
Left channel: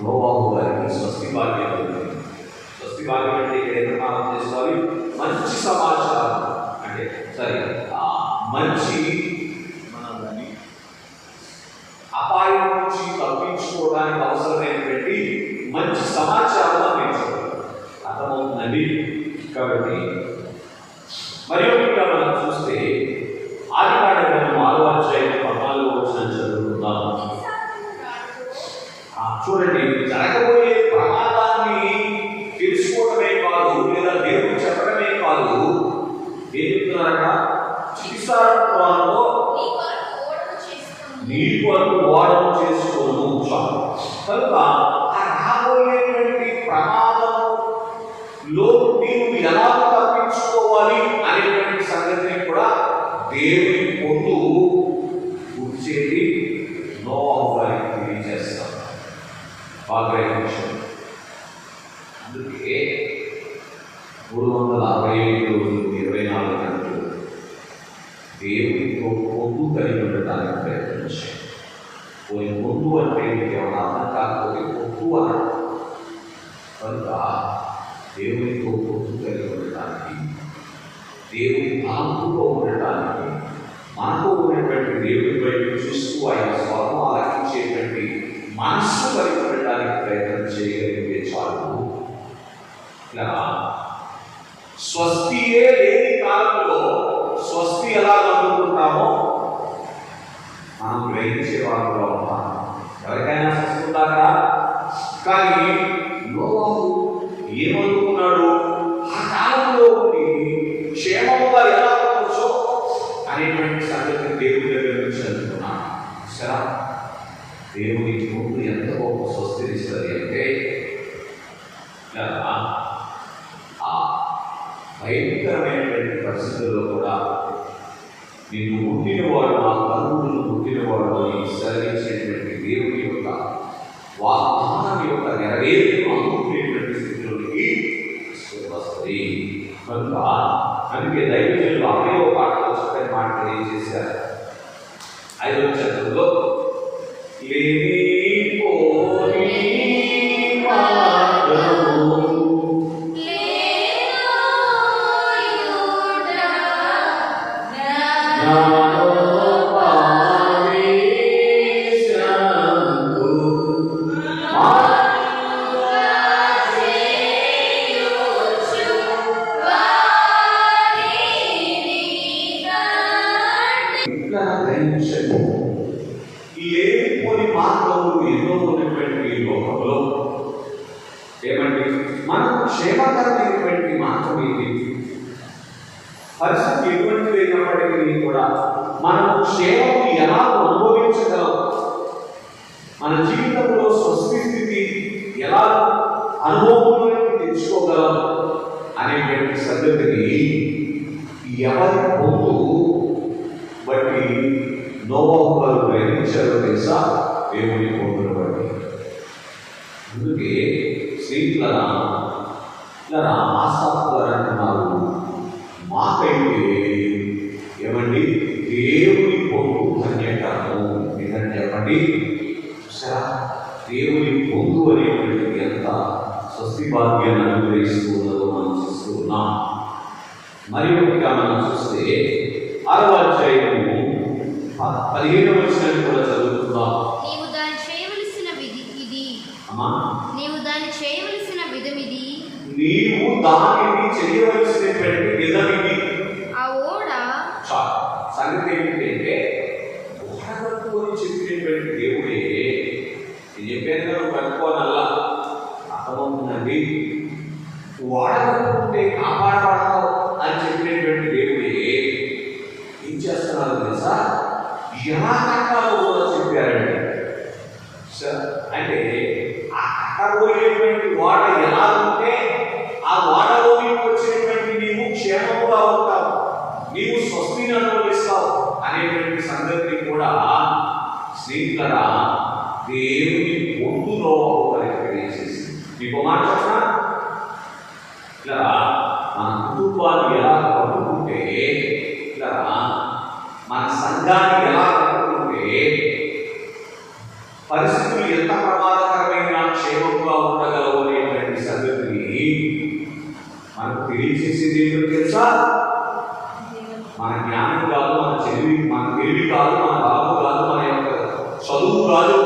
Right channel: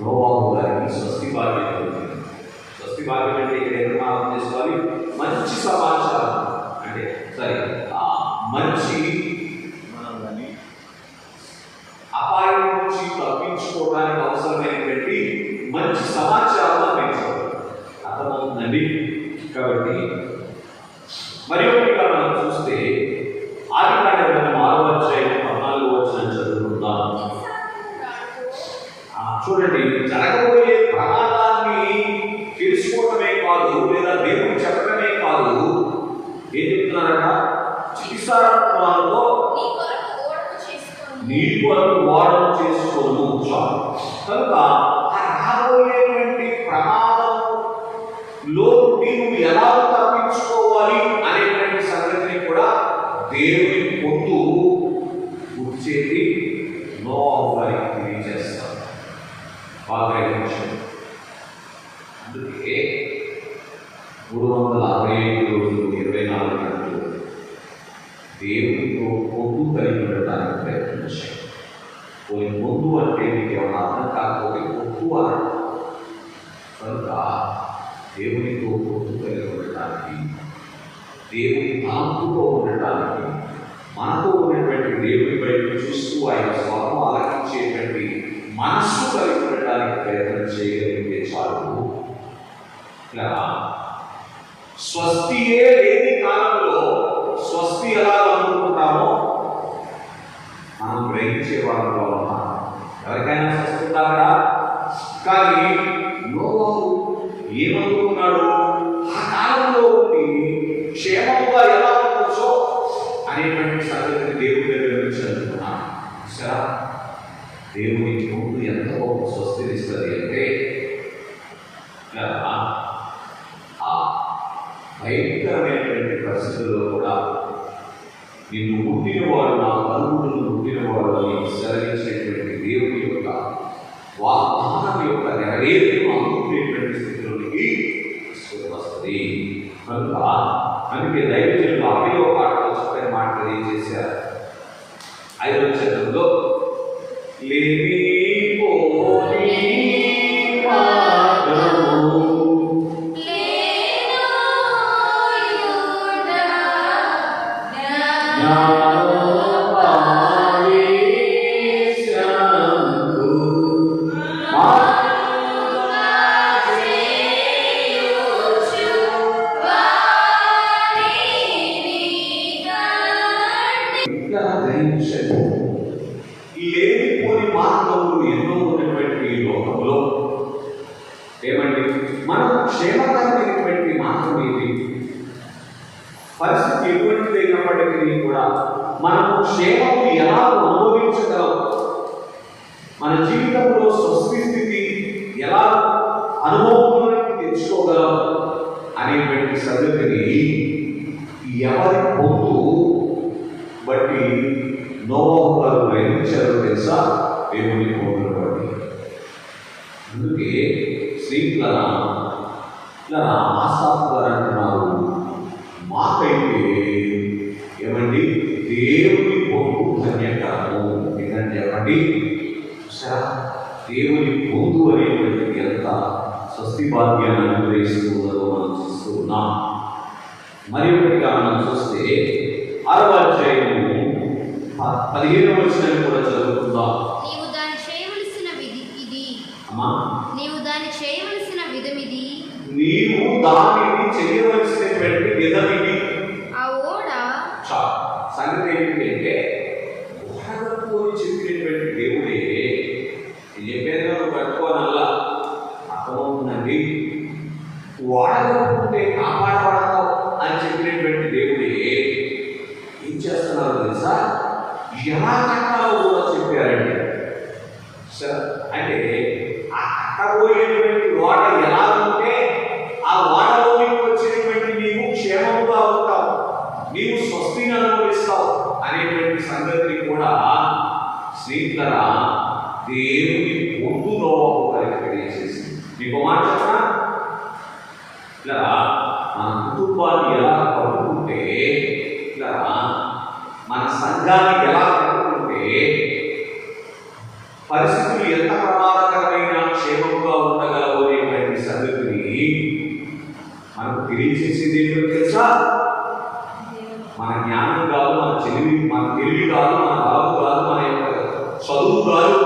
నోవాహు గారికి స్వస్తి భాగ్యం ఉంది. స్వస్తి భాగ్యం అంటే ఇక్కడ ఏమైనా అర్థం చేసుకోవాలి? మంచి సమాచారం, అంటే సరే మంచి మనం కానీ అపాయం నుంచి తప్పించుకోవడానికి అవసరమైనటువంటి మంచి సమాచారం అందించాలి. అర్థమవుతుందండి? కాబట్టి మరియు ఇక్కడ మనం చూస్తే ఆదికాండ గ్రంథం 6వ అధ్యాయం 14వ వచనం చదువుకుందాం. చూడండి, జరగబోయే ప్రమాదాన్ని తెలుసుకోవడమే కాదు, లేదా దేవుడు చెప్పడమే కాదు, ఏం చెప్తున్నారట? చికిత్సాలో నీ కొరకు ఓడను చేసుకోను. కనుక రాబోయేటువంటి ప్రమాదంలో నీవు ఎలా తప్పించుకోవాలి అనేటువంటి సంగతిని కూడా దేవుని పొందు గుర్తు ఇచ్చేది నోవహు వారికి తెలియజేస్తారు. బాగా విషయం. అందుకే 365 రోజులు 24 గంటలు దేవునితో పొందు కలిగి ఉండడానికి ప్రయత్నించారు. పోయి పొందు అంటే కేవలం అర్థం కాకపోతే పొందు అని కనుక దేవునితో పొందు కలిగి ఉండటానికి, దేవుని ఆత్మతో ఉండటానికి, మనతో ఉన్నటువంటి దేవుని బయట చూస్తూ ఆయన స్వరం ఆలకించేటువంటి మనస్సు కలిగి ఉండటానికి ప్రయత్నం చేయగలిగితే చాలు. ఇలా స్వస్తియే లేని కాలంలో స్వస్తి ఎలా అనుకుంటున్నామో మనం గ్రహించే వాళ్ళలో ఉన్నాం. ఎవరికైనా స్వస్తి ఉన్నారా? కానీ నోవహు ఏమనుకున్నాడు? ఆ కాలంలో ఉండి క్షేమముగా ఎలా ఉండొచ్చో అనేటువంటి సంగతిని దేవుడి దగ్గర నుంచి అనుకున్నాను. సరే, దేవుని ముందు ఎంత గొప్ప స్వస్తినిస్తుంది అంటే భయంకరమైనటువంటి పరిస్థితుల్లో కూడా నిన్ను పుట్టినవాడు, నా తల్లులను పుట్టినవాడు అని సెలవించేటువంటి దేవుని యొక్క వాగ్దానం యొక్క నెరవేరును అందుకునేటువంటి స్థితిలోనికి వస్తుంది. కనుక అందుకే దైవజనులు 5వ పాటలో చక్కని మాట తెలియజేశారు. 5వ చరణంలో లేనిపోని మార్గములు ఎన్నో ఉన్నటువంటి ఈ లోకంలో ఏమండి మనకు క్షేమకరమైనటువంటి మార్గం ఏంటి? పరిస్థితి ఎటువంటిది అయినప్పటికీ కూడా మనము క్షేమము ఎలా అనుభవించగలం, మన జీవితంలో స్వస్తి స్థితి ఎలా అనుభవంలోకి తెచ్చుకోగలం అనేటువంటి సంగతిని ఎవరి పొందు బట్టి నోవహు గారు గ్రహించారో తెలుసా? దేవుని పొందును బట్టి. అందుకే స్నేహితులరా ఆశాపు గారు అంటున్నారు, మాకైతే ఏమండి దేవుని పొందు ధన్యకారం. ఏంటంటే ఏమండి దేవుని పొందు అనేటువంటి ఎంత స్వస్తి భాగ్యాన్ని అనుగ్రహిస్తూ ఉన్నదో మనం చూస్తూ ఉన్నాం. మరి ఒకటిగా మనం చూస్తే 6వ అధ్యాయము 15వ వచనం కూడా చదువుకుందాం. నీవు దాన్ని చేయవలసిన విధి ఇది. నీవు దాన్ని చేయవలసిన విధమిది. నీవు దానిని చేయవలసినటువంటి విధమిది. ఆ ఓడ సంగతి ఏంటంటే ఓడగట్టుకొని చెప్పినటువంటి దేవుడే చెప్పేది కట్టుకోనల్లా అర్థమవుతుందండి. ఓడగట్టుకుంటే కాపాడబడతావు అని చెప్పినటువంటి దేవుడే ఏం చేస్తున్నారు తెలుసా? ఎలా కట్టాలో కూడా చెప్పారండి. అంటే ఆ కట్టబోయేటువంటి ఓడ ఎలా ఉంటే ఆ ఓడలోకి వచ్చినటువంటి నీవు క్షేమముగా ఉంటావు, నీవు స్వస్తిని అనుభవిస్తావు అనేటువంటి సంగతిని కూడా స్నేహితులరా దేవుని పొందులో తెలియజేసింది. మీకు మాట చెప్పనా? ఇలా మన కుటుంబాన్ని ఎలా కట్టుకుంటే, ఇలా మన సంఘాన్ని ఎలా కట్టుకుంటే పరిస్థితులు ఎంత ప్రమాదకరమైన క్షేమంగా ఉండగలవు అనేటువంటి సంగతిని మనకు తెలియజేసేది ఏంటో తెలుసా? మన జ్ఞానం కాదు, మన తెలివి కాదు, మన బాబు కాదు, మన యొక్క చదువు కాదు,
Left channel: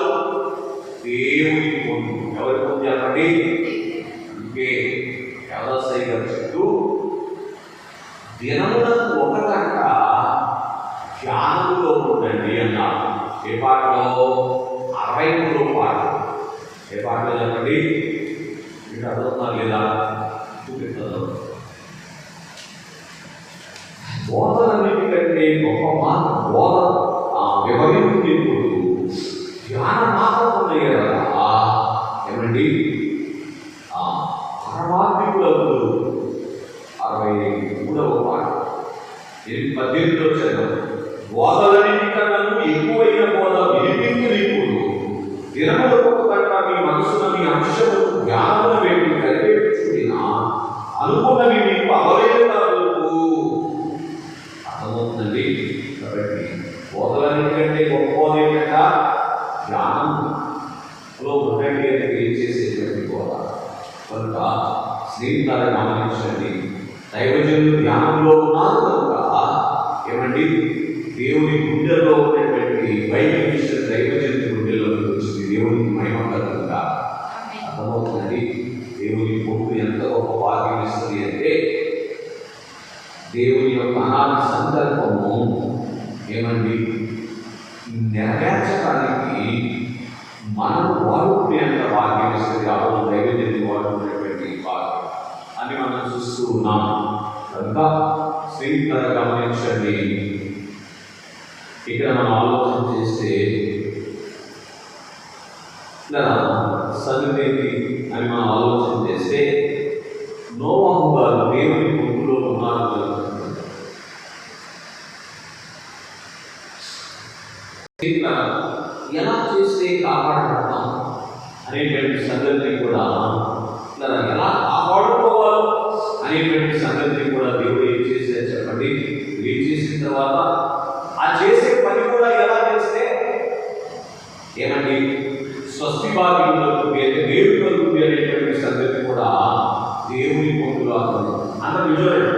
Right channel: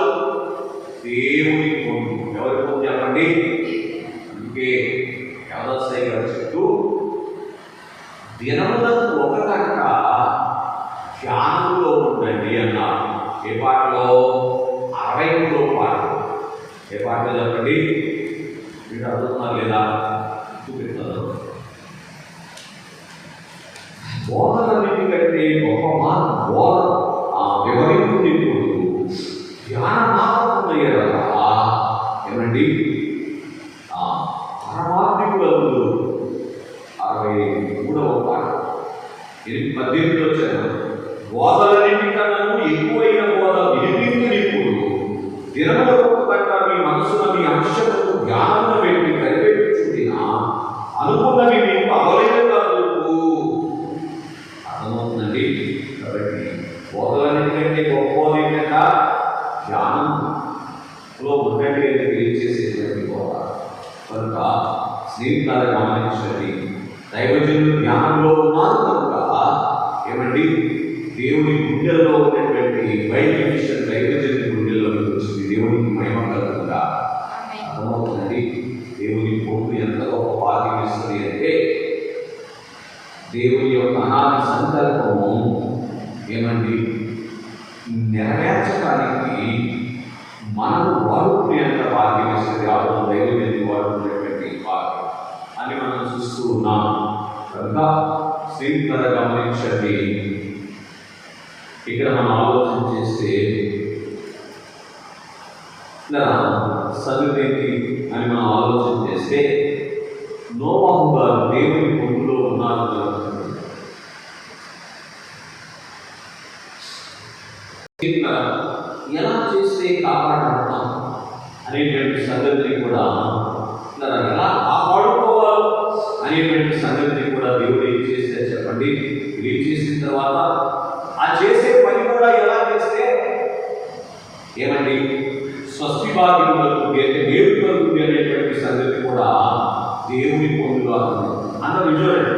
దేవుని పొందు. ఎవరి పొందు చెప్పండి? అందుకే వ్యవసాయ గారు చెప్తూ దినములకు 1 గంట ధ్యానంలో ఉండండి అన్నారు. ఏ పాటలో? 63వ పాట. ఏ పాటలో చెప్పండి? మీరు అడుగుతున్నారు లేదా? చూపిస్తాను. బోధనన్నిటికంటే గొప్ప బోధ వివరింపు ధ్యాన మాత్రమయ్యే కదా ఏమండి? పరమాత్మికులకు 63వ పాట 18లో చదవండి. బోధలన్నిటికన్నా ఎక్కువైన అర్థమవుతుందండి. కాబట్టి బోధలన్నిటికంటే గొప్పది ఏంటంటే ధ్యానంలో ఉన్నట్టు తెలియజేసేటువంటి బోధ. కనుక స్నేహితులారా గమనించండి, దైవజనులు ధ్యానంలో ఉన్నారు కనుక ఏమండి దేవుని గుండెల్లో ఉన్నటువంటి బయట విషయం దైవజనుల గుండెల్లోకి వచ్చింది. దేవునికి మహిమ కలుగుగా అర్థమవుతుందండి. దేవుని భూమి ఎంత గొప్ప భాగ్యం ఇస్తుంది అంటే దేవుని యొక్క అనాది సంకల్పము ఏమండి నెరవేర్చడానికి మనం వాడుకునేంత భాగ్యం ఇస్తుంది. ఆ రోజు దైవజనులు వాడుకునేటువంటి భాగ్యం అని మనం చూస్తూ ఉన్నాం. కనుక స్నేహితులారా గమనించండి, ఇక్కడ మనం ఆలోచన చేస్తే సదునేది అని మనం ఆలోచన చేస్తే నోవహు గారు దేవుని గుంపులో ఉన్నారు. ఎలా చేస్తే కాపాడబడతాం అనేటువంటి సంగతిని కూడా ఎలా కాపాడుకోవాలి అనేటువంటి సంగతిని కూడా దేవుడు ఏం చేస్తే చెప్పండి. ఏం చేసిన తర్వాత ఆ చేసే పని కూడా ఎలా చేస్తే ఏమండి స్వస్తి బాధ్యులకు మేలు కలుగుతుంది అనేటువంటి సంగతి కూడా దేవుని పొందులో అందరూ చూడండి.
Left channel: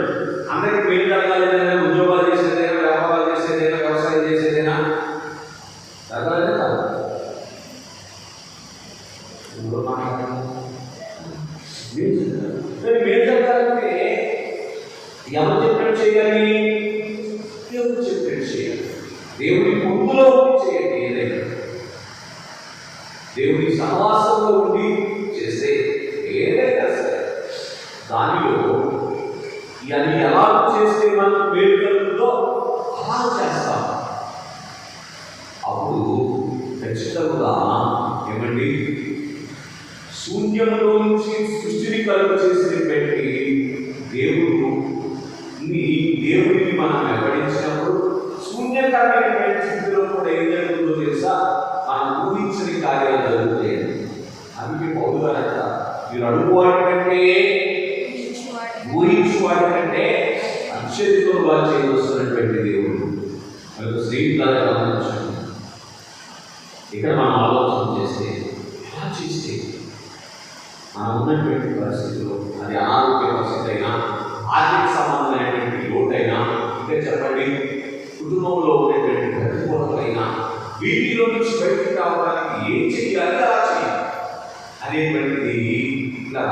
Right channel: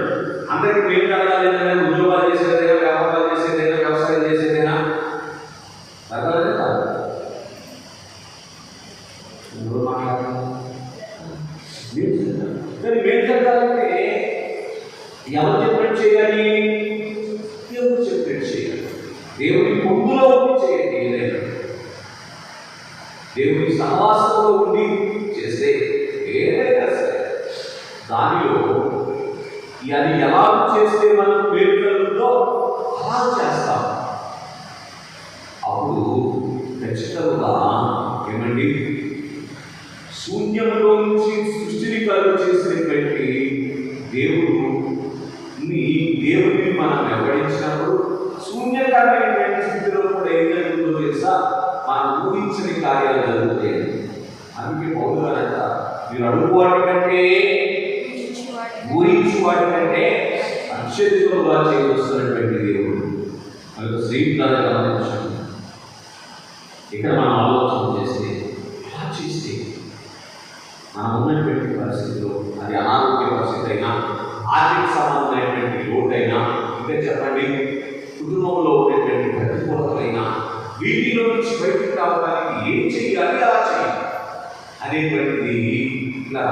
అందరికీ మేలు కలగాలేదైనా, ఉద్యోగాలు చేసేదైనా, వ్యాపారాలు చేసేదైనా, వ్యవసాయం చేసేదైనా తగ్గలేదే కాదు. మేలు జరగాలంటే ఎవరు చెప్పినట్టు చేయాలి? దేవుడు చెప్పినట్టు చేయాలి. దేవుని పొందులో చేయండి. ఏదైనా దేవుని సహవాసంలో ఉండి చేస్తే ఏదైనా సరే దానిలో అది ఎలా చేస్తే మనకు మేలు కలుగుతుందో అలా చేస్తాం. అప్పుడు ఖచ్చితంగా ఏమండి శూన్యంలో నుంచి సృష్టిని కలుగు చేసినటువంటి దేవుడిని మనం వెంబడించినప్పుడు శూన్యకరమైనటువంటి స్థితిలో కూడా ఏం జరుగుతుందో తెలుసా? మనం ఊహించని కార్యాలు జరుగుతాయి. అందుకే పౌలు గారు మీరు అడుగు వాటి కంటే ఊహించు వాటి కంటే అత్యధికంగా చేయవస్తున్నటువంటి దేవుడు. స్నేహితులారా గమనించండి, ఇక్కడ మనం ఆలోచన చేస్తే ఎలా చేస్తే మనం ఉన్నటువంటి పరిస్థితుల్లో అది అనారోగ్య పరిస్థితి అయినా, ఆర్థిక సంబంధమైనటువంటి లోటైనా, ఇంకా చెప్పండి కుటుంబంలో ఉండేటువంటి ప్రతికూలతలైనా వీటిలో నుంచి బయటకు రావడానికి ఏం చేయాలి, అలా చేయాలి అనేటువంటిది ఇలా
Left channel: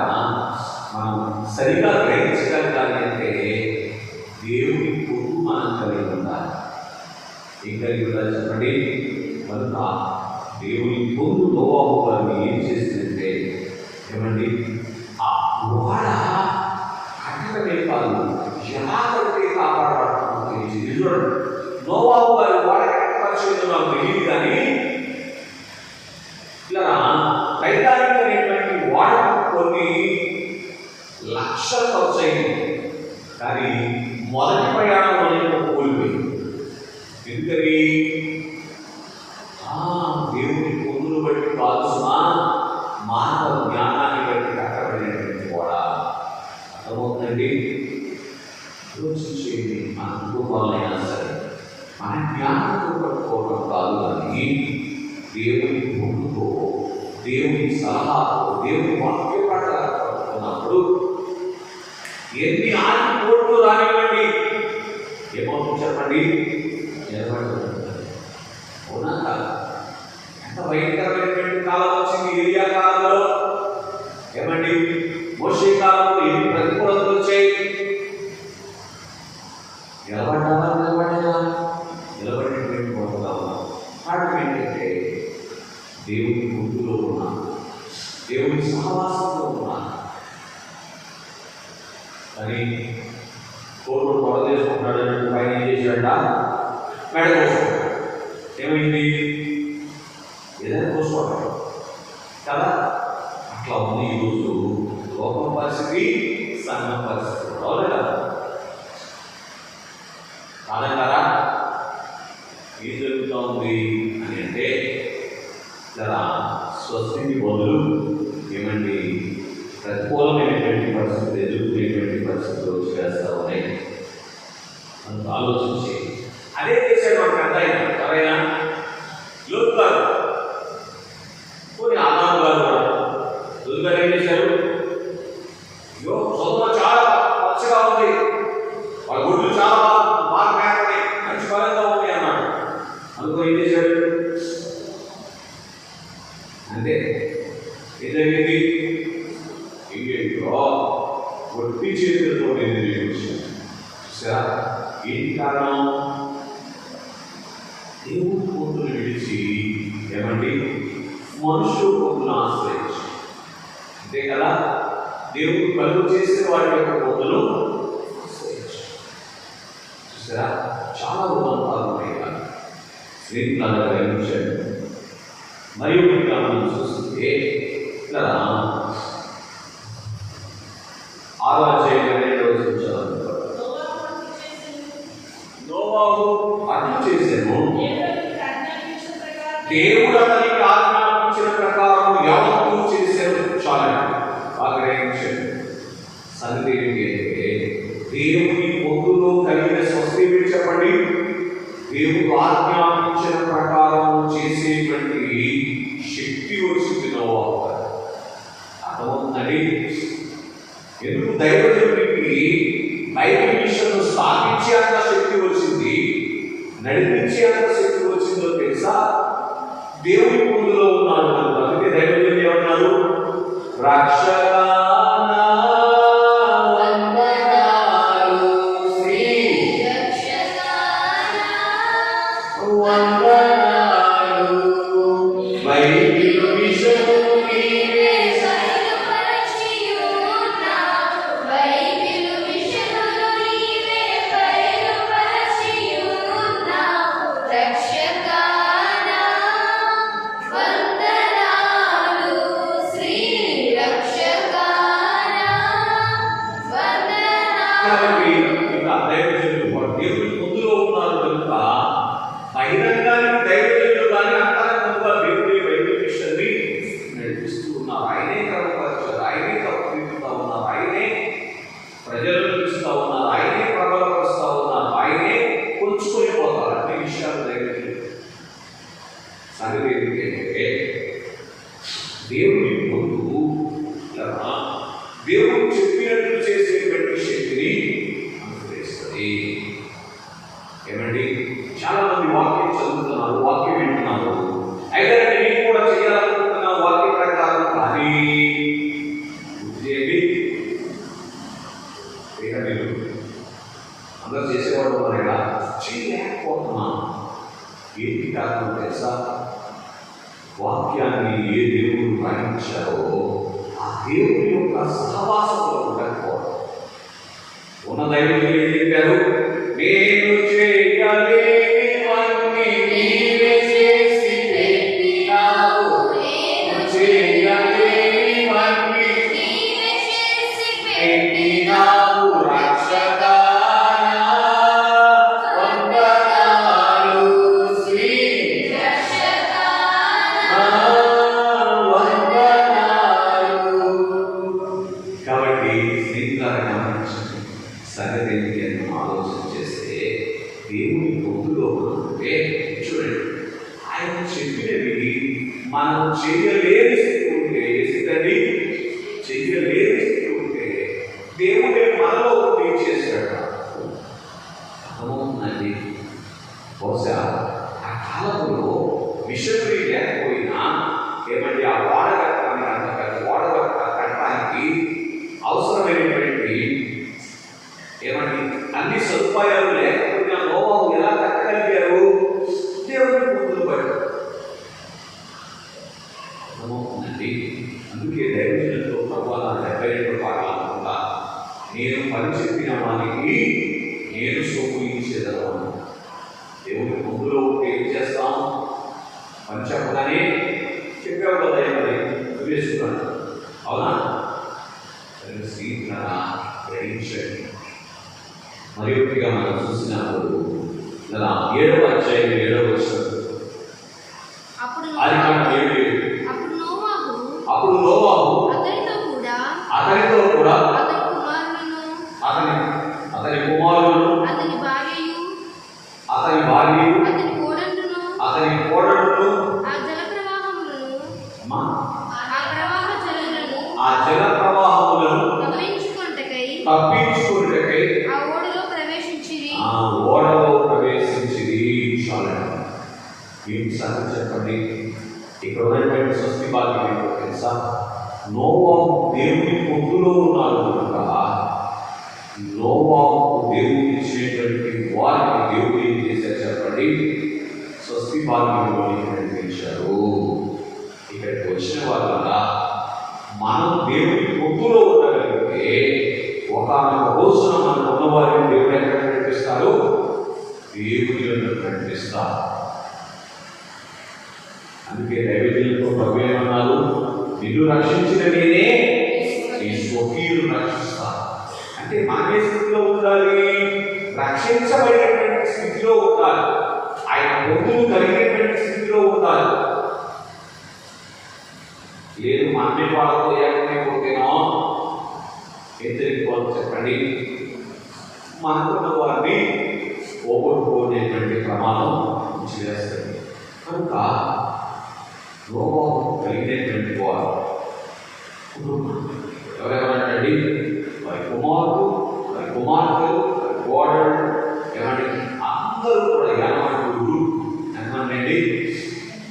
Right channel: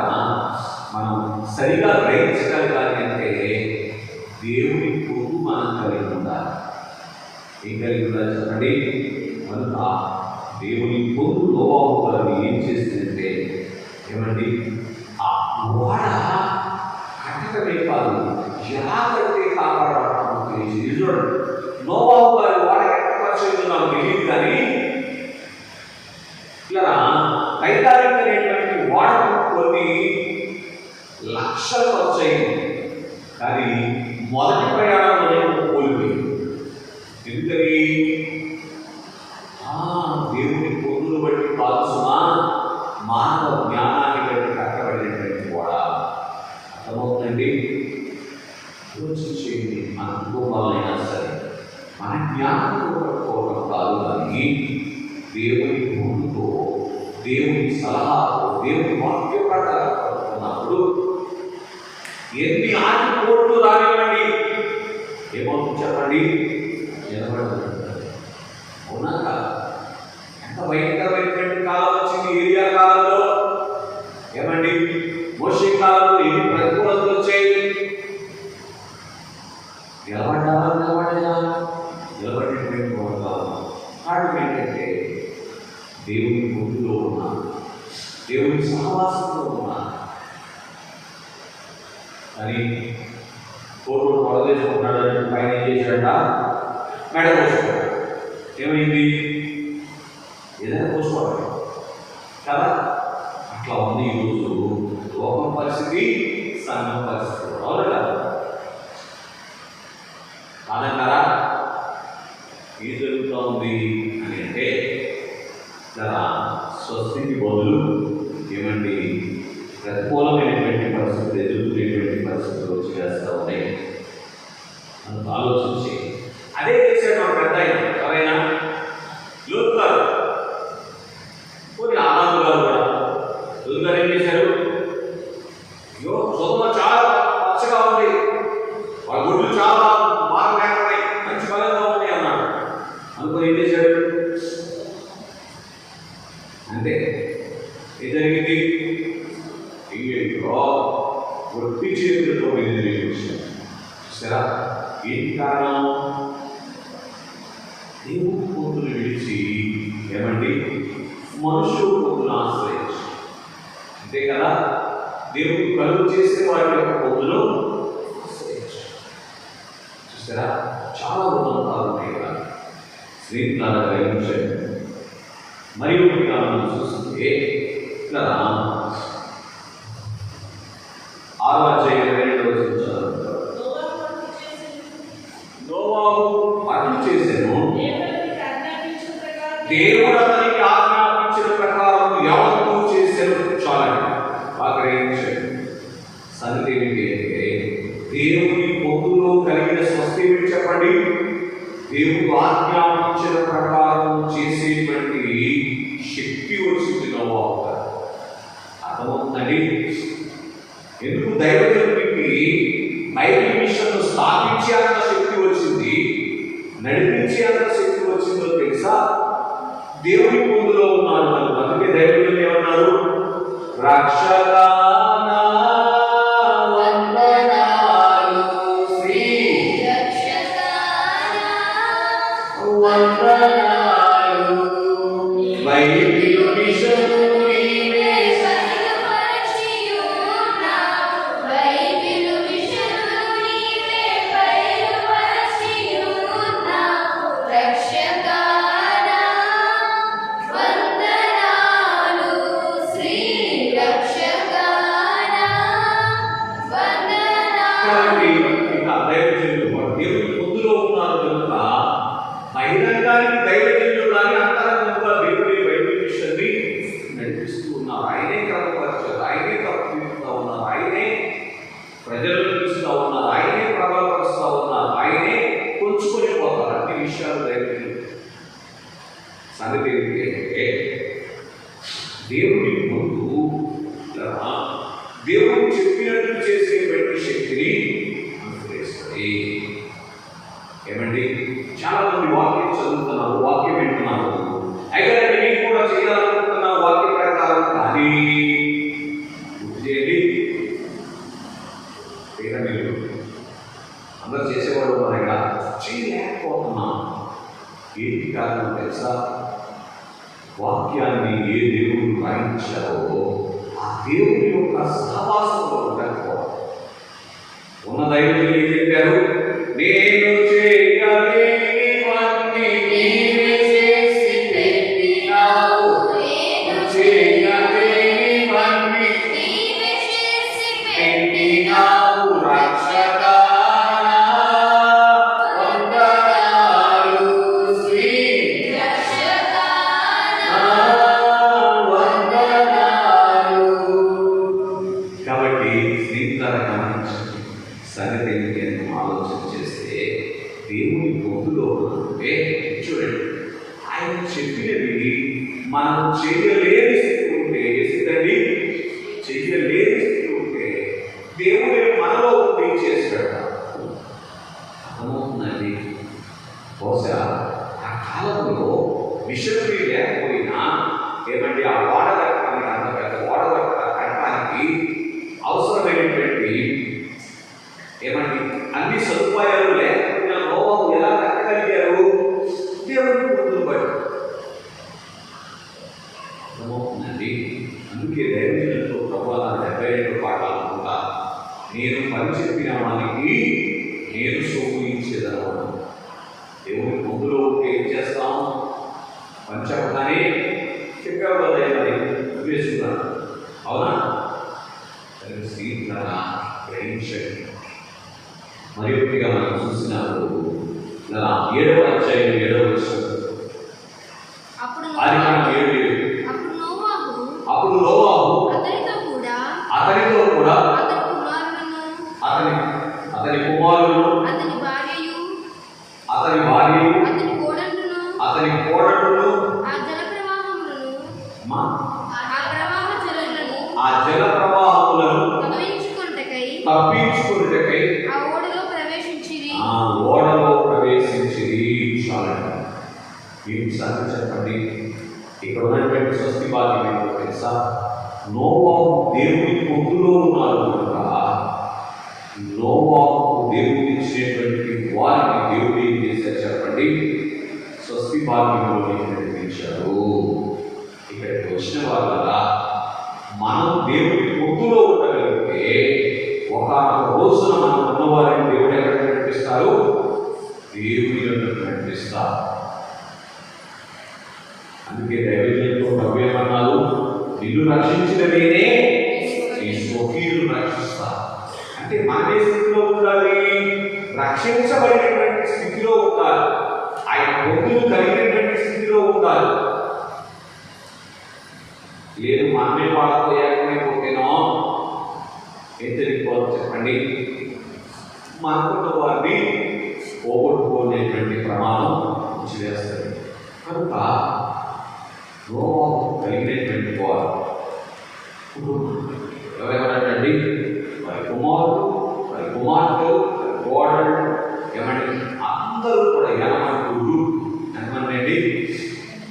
మనం సరిగా గ్రహించగలగాలి అంటే దేవుని పొందు మనం కలిగి ఉండాలి. ఏం కలిగి ఉండాలి చెప్పండి? కనుక దేవుని పొందు నోవహు గారు ఏం చేస్తుందంటే ఏమండి ఆ వాడ కట్టడమే కాదు ఎలా కడితే కాపాడబడతామో తెలియదు. చూడండి, నోవహు గారు వాడ కట్టపరిచేదో నాకు తెలియదు, కానీ ఇలా టైటానిక్ అనేటువంటి వాడకు కొన్ని లక్షలు ఖర్చు అయింది, కానీ మొదటి ప్రయాణంలోనే కోల్పోయింది. ఎందుకని? దేవుని పొందులు బట్టి కాల్సిన మానవ జ్ఞానాన్ని బట్టి కట్టబడినటువంటి కూడా అర్థమవుతుందండి. ఆలోచించేది మన కుటుంబాలైనా సరే మన జ్ఞానంతో పట్టుకోవడం కాదు, కానీ దేవుని పొందుతో దేవుని సలహాతో దేవుని వాక్య ప్రకారం పట్టుకున్నప్పుడు ఎన్ని ఆటిపోట్లు రానివ్వండి ఏమవుతుంది చెప్పండి? నిలబడుతుంది. అవునా కాదు? ఎంత భయంకరమైనటువంటి కాలం వచ్చింది ఏరియా కాలంలో. ఏమండి మోషే కాలంలో ఎన్ని ప్రతికూలతలు వచ్చాయి. నిలబడినటువంటి కారణం ఏంటంటే దేవుని ముందులో ఉన్నాను, దేవుని సహవాసంలో ఉన్నాను. కానీ కోర్టు పొడదేసుకుంటాడని పైన చేశాడ మెడ కోసుకోవాలి. ఏమైంది? ఏదైనా కోసుకోవాలి కదా. అట్లా ఉంది ఈరోజు లోకం పరిస్థితి, సంఘం పరిస్థితి కూడా కదా. కాదంటారా? ఏం జరుగుతూ ఉంది అని అంటే స్వస్తికి బదులు ఏమండి ప్రతికూలమైనటువంటి పరిస్థితులు, ఎదుర్కొనేటువంటి పరిస్థితులు చేస్తూ ఉన్నాయి. మనకు ఆలోచించి అదే చేశాడు మన పెద్ద ఆయన ఎవరైనా లోతు గారు, కొన్ని ఆదాము గారు కూడా. లోతు గారు ఏం చేశారు? అయ్యో చదువు చాలా పచ్చగా ఉంది, వాళ్ళ గుడ్లు చాలా బాగా మేపన్నాయి, మంచి బలంగా ఉంది అన్నాడు. అనుకో ఏం చేశాడు? అంటే ఏం జరిగింది? ఇంకేంటో ఒట్టి చేతులతో చూసారా? ఏంటి కారణం? దేవుడు పొందులు విడిచి ఏమండి మనుషులు పొందులు ఆశ్రయించి, అంతే కదా? దేవుడు కలుగు చేసిన వాటి యొక్క పొందులు ఆశ్రయించి చూసారా? చాలా ఉదంతాలు ఉన్నాయి కదా స్నేహితులారా గ్రహించాడు. మరియు ఇక్కడ మనం చూస్తుంటే ఇక్కడ 6వ అధ్యాయం 22వ వచనం నోవాహు అర్థం చేశాను, దేవుడు అతనికి ఆజ్ఞాపించిన ప్రకారం యావత్తు చేశాను. చాలా బాగా గ్రహించాడు. సంగతి ఏంటంటే దేవుని పొందులో కలిగిన స్వస్తి చెప్పండి. దేవుడు ఆజ్ఞాపించిన ప్రకారం చేసేటువంటి శక్తి వచ్చింది నోవాహు. అర్థమవుతుందండి? ఎందుకు దైవజనుడికి బైబిల్ విషయంలో స్థాపించే అంత శక్తి వచ్చింది, నడిపించే అంత శక్తి వచ్చిందో తెలుసా? దేవుని పొందులో ఉన్నాడు కనుక. అందుకే దైవజనుడు ఏమన్నాడు? రక్షక బహిరంగానికి దైవజనులు కానీ అంతరంగంగా దేవుడి బైబిల్ మిషన్ని నడిపిస్తూ ఉన్నారు. ఆయనే క్రమపరచారు, ఆయనే తప్పుతూ ఉన్నారు, ఆయనే ప్రజలను చూస్తూ ఉన్నారు, ఆయనే ప్రబలపరుస్తూ ఉన్నారు, ఆయనే కొంచుకొని పోతారు. అన్ని విషయాలు దైవజనులు. సంగతి ఏంటంటే దేవుని ముందు దేవుడు చెప్పినట్లు చేసేటువంటి శక్తిని అనుగ్రహిస్తుంది. ఏమండి? చాలా మంది వాక్యం చదువుతున్నారు, వాక్యం వింటున్నారు, అయితే నేను కూడా చేయాలనుకుంటున్నాను వాక్య ప్రకారం. కానీ చేయండి అందరూ చేసేవాడు అనగా చేయలేకపోతున్నాం. ఏంటి కారణం తెలుసా? వాక్యాన్ని ఏ దేవుడు గ్రహించారో ఆ దేవుని యొక్క సహవాసంలో ఉండకపోవడం. ఉన్న దైవజనులు ఏం చెప్పారు? నేను చేయలేనివన్నీ నీవే చేసి పెట్టినావు, నేను చేయలేనివన్నీ నీవే చేసి పెట్టినావు. రక్షకా వందనాలు శ్రీ రక్షకా వందనాలు. కాబట్టి స్నేహితులారా గమనించండి. సంగతి ఏంటి అని ఆలోచన చేస్తే దేవుని పొందులో ఉంటే చూడండి, ఆయన చెప్పినవి మనం చేయలేని స్థితి ఉంటే, స్థితి చేయలేని స్థితి ఉంటే దేవుడే మనలో ఉండి చేస్తాడు. అర్థమవుతుందండి? బహుశా ఆ కాలంలో మిషనరీ లేకపోయినా ఏమంటే ఆ వాడ కట్టడానికి, అంత పెద్ద వాడ కట్టడానికి అవసరమైనటువంటి ఏమండి అన్ని సదుపాయాలు లేకపోయినా నోవాహు ఎలా కట్టగలిగారు? దేవుని పొందులు బట్టి. అర్థమవుతుందండి? అందుకే దైవజనులతో ప్రభువా 72 పాటలు అనుకుంటా, నేను పని చెప్పిన వానికి నేను సోకుయించేదను. దేవుని పొందులో ఏం చేస్తాం? పని చెప్పగానే చెప్పావు కదా ఏమని వేసుకున్నాను. అవునా? స్నేహితులారా గ్రహించండి. మరి ఒకటిగా మనం చూసినప్పుడు 7వ అధ్యాయం 7వ వచనం అప్పుడు నోవాహు అతనితో కూడా అతని కుమారులను అతని కుమారులను అతని భార్యయు అతని అతని భార్య, అతని కోడళ్ళను, అతని కోడళ్ళు, ఆ జల ప్రవాహములను, అమ్మా, ఆ ప్రవాహ జలములను, ఆ జల ప్రవాహములను తప్పించుకొనుటకై తప్పించుకున్నకై ఆ ఓడలో ప్రవేశించిరి. ఆ ఓడలో ప్రవేశించింది. చాలండి. ఏం సంగతి చెప్పండి. ఇక్కడ ఉన్నటువంటి స్వస్తి వాక్యం ఏంటో తెలుసా? నోవాహు దేవుని పొందులో ఉన్నారు కనుక నోవాహు దేవుని ఇచ్చినటువంటి వారికి దేవుడు ఏం చేశారు చెప్పండి? స్వస్తి భాగ్యంలోకి నడిపించారు. ఇక్కడికి వచ్చిన వాళ్ళ మనం దేవుని పొందులో ఉండగలిగితే ఒకనొక రోజున మనం ఉన్నవారిని దేవుడు ఎక్కడ నడిపిస్తారు? దేవుని నడిపిస్తారు. అందుకే దైవజనులతో ప్రభు ఏమన్నారు? నిన్ను రక్షించిన నేనే నీ స్వకీయులు రక్షిస్తా. అంటే మానే స్థితిలో ఉండాలి, రక్షించబడినటువంటి స్థితిలో ఉండాలి, ఆయన పొందులు కలిగినటువంటి స్థితిలో ఉండాలి. లేదు మానే వాళ్ళతో ఏమైపోతేనో ఎత్తరిపోవాలి చెప్పండి, మనకున్న వారిని పోగొట్టుకునేటువంటి ప్రమాదం చేస్తుంది. కనుక నోవాహు కలిగినటువంటి వారు ఎవరెవరంటండి? వారి కుమారుడు, వారి కుమార్తెలు, వారి కోడళ్ళు, ఏమండి అందరూ కూడా ఏమంటుడు ఎంతమంది?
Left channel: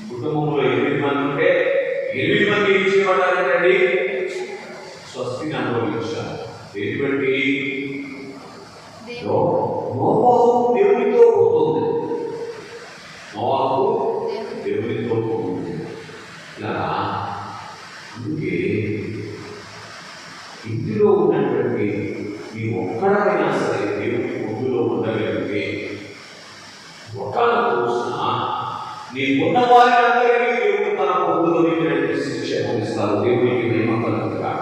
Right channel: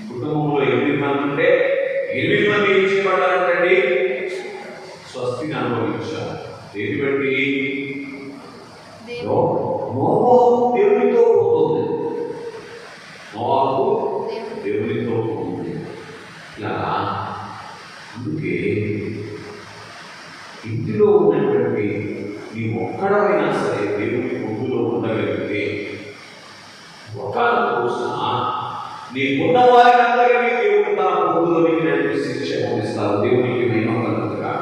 కుటుంబంలో 8 మంది ఉంటే 8 మంది ఏం చేయబడ్డారంటండి? స్వస్తిని అనుభవించారు. ఎటువంటి నోవాహు దేవునితో పోతుంది, నోవాహు దేవునితో పోతుంది. ఇలా అందుకే ఇంటిలో ఉన్నటువంటి నీ ఒక్కడైనా సరే దేవుని పొందులో ఉండగలిగితే ఒక రోజున నీకున్న వారందరికీ దేవుడు తన పొందులోనికి నడిపిస్తే క్షమిస్తారు. దేవునికి మహిమ కలుగుగా.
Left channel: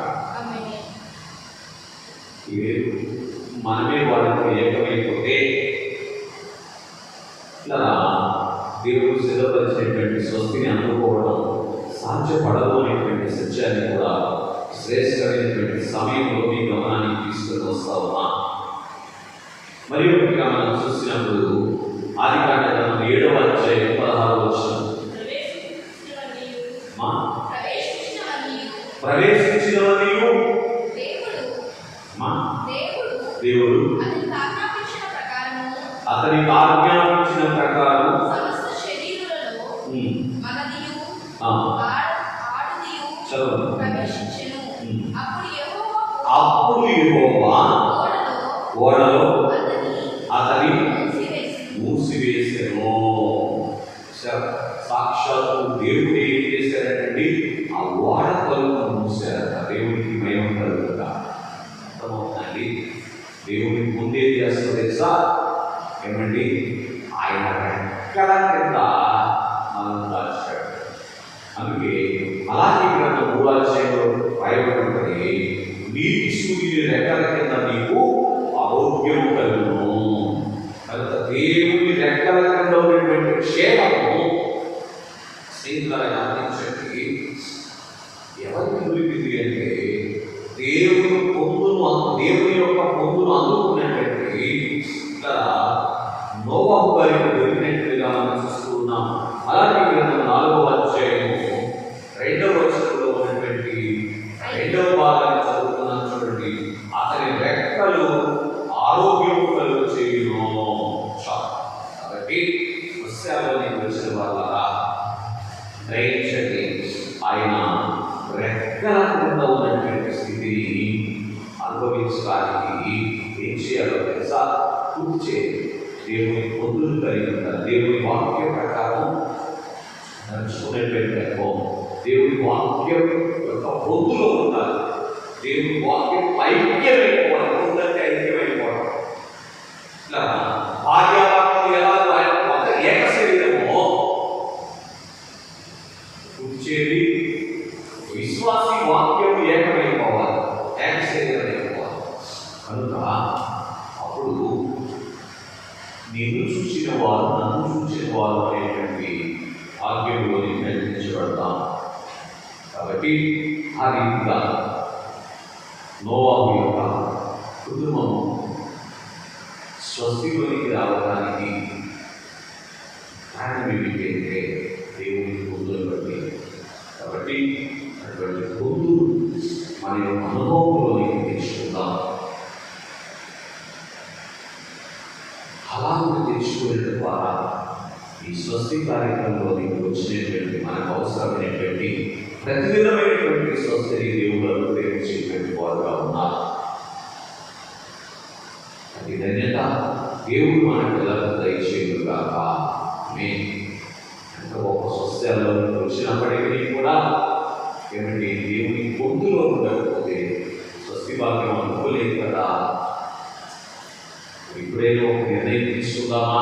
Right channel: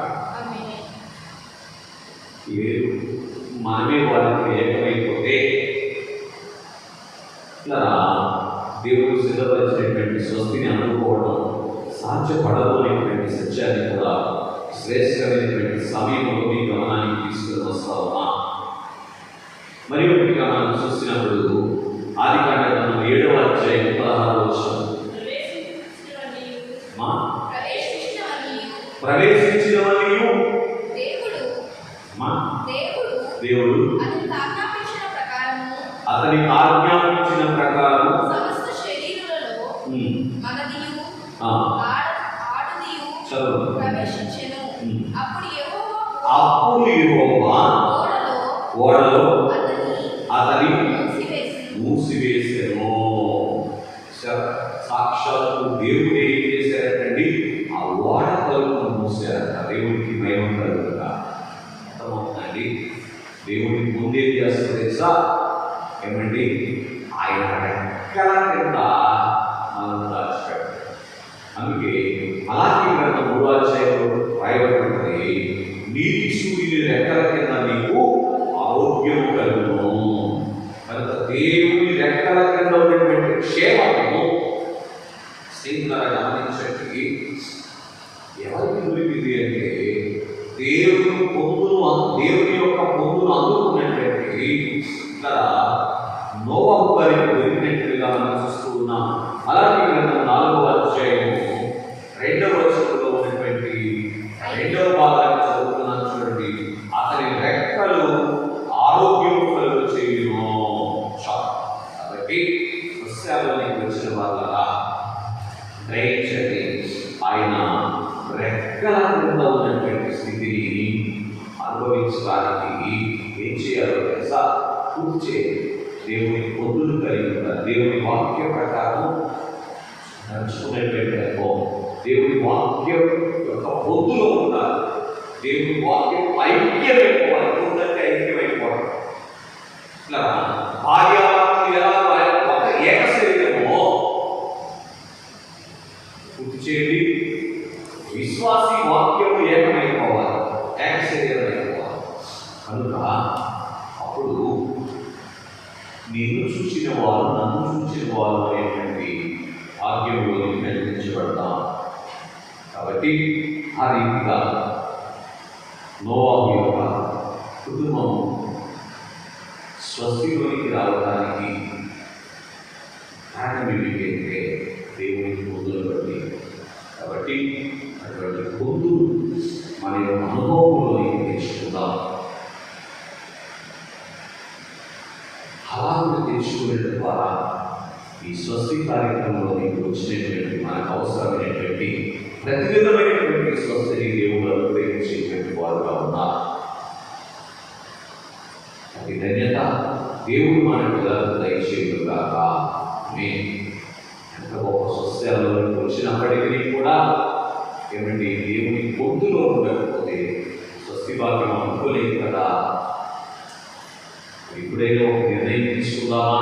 మనమే వారికి ఏకమైపోతే ఇలా దేవుడు సిద్ధపరిచినటువంటి స్వస్తిని అనుకోవడం సాధ్యపడదు అనేటువంటి సత్యాన్ని కూడా శ్రేష్టమైనటువంటి సమయంలో మీ గమనానికి తీసుకొని వస్తా ఉన్నా. మరి ఒకటిగా మనం చూసినప్పుడు ఆదికాండ గ్రంథం 7వ అధ్యాయం 16వ వచనం, ప్రవేశించినవనియు దేవుడు అతనికి ఆజ్ఞాపించిన ప్రకారం అప్పుడు యెహోవా ఓడలో అతని మూసివేసెను. సాక్షాత్తు దేవుడు ఏం చేశారంటండి? ఆ ఓడ తలుపును మూసారు. దేవుడికి మహిమ కలుగుగా. అర్థమవుతుందండి? దేవుడికి ముందేం చేస్తారు తెలుసా? ఏమండి? ఆయన రెక్కల కింద మనం దాచిపెట్టారు. అందుకే మలాకి గ్రంథం 3వ అధ్యాయంలో రాయబడి ఉంటుంది, నీతి సూర్యుని రెక్కల కింద నీకు ఆరోగ్యము కలుగును. కనుక దేవుని రెక్కల కింద ఉన్నటువంటి క్షేమము శ్రీకార గమనించండి. ఎవరికి దొరికింది అంటే దేవుని యొక్క పొందును అందుకున్నటువంటి ఇక్కడ నోవాహు గారికి దొరికినట్లుగా మనం చూస్తూ ఉన్నాం. అలాగే గ్రంథం 4వ అధ్యాయము 2వ వచనంలో ఉన్నటువంటి 2వ భాగాన్ని చదువుతున్నాను చూడండి. అతని రెక్కలు ఆరోగ్యం కలుగు చేయును. కాబట్టి సస్యాల్లోకి వచ్చిన వాళ్ళ గ్రహించండి, ఆయన రెక్కల కింద ఉన్నటువంటి స్థితిని అనుభవించడానికి ఏం చేయాలో తెలుసా? కూర్చే దేవుని పొందులు కలిగి ఉంటారు. దేవుని వాక్యం ప్రకారం నడుచుకునేటువంటి అనుభవం, దేవుని వాక్యం యొక్క పొందులో ఉండాలి. దేవుని వాక్యం ఐక్యమైపోవాలి. ఉందంటే ఐక్యమైపోవాలి. ఇట్లా భార్యాభర్తలు ఎలా ఒక ఏక శరీరమో పూర్తి చేయండి. విశ్వాసి వాక్యం ఏకమైపోవాలి, ఏక శరీరం అయిపోవాలి. కనుక అప్పుడు నిన్ను చూసిన వారు నన్ను చూసిన వారు అనేటువంటి భాగ్యంలో నిర్ణయించబడతాం. కాబట్టి ఆ రీతిగా నోవాహు యొక్క కుటుంబం స్వస్తిలోనికి రావడానికి ఈ స్వస్తి కార్యక్రమంలో నీకు వచ్చినటువంటి మనకు అవసరమైనటువంటి ప్రతి విధమైనటువంటి స్వస్తిని దేవుడు అనుగ్రహించేటువంటి వారుగా ఉన్నారు. అది ధన్యత దేవుడు మన పిల్లలకు దయచేయుగాక. ఎంత గొప్ప స్వస్థలో వచ్చినప్పటికీ కూడా ఏమంటే దేవుని గొంతులో ఉండకపోతే స్వస్తి భాగ్యం అనుకోలేదు కదా. ఇప్పుడైనా ఒక నిర్ణయం తీసుకుందామా?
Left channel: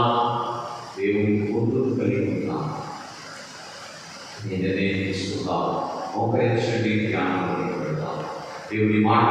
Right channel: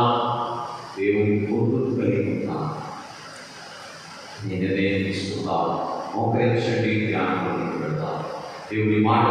దేవుని గొంతుకు కలిగి ఉన్నాను, నేను నిర్ణయం తీసుకుందాం. మోకరించండి, జ్ఞానం పెడతాం. దేవుని మాట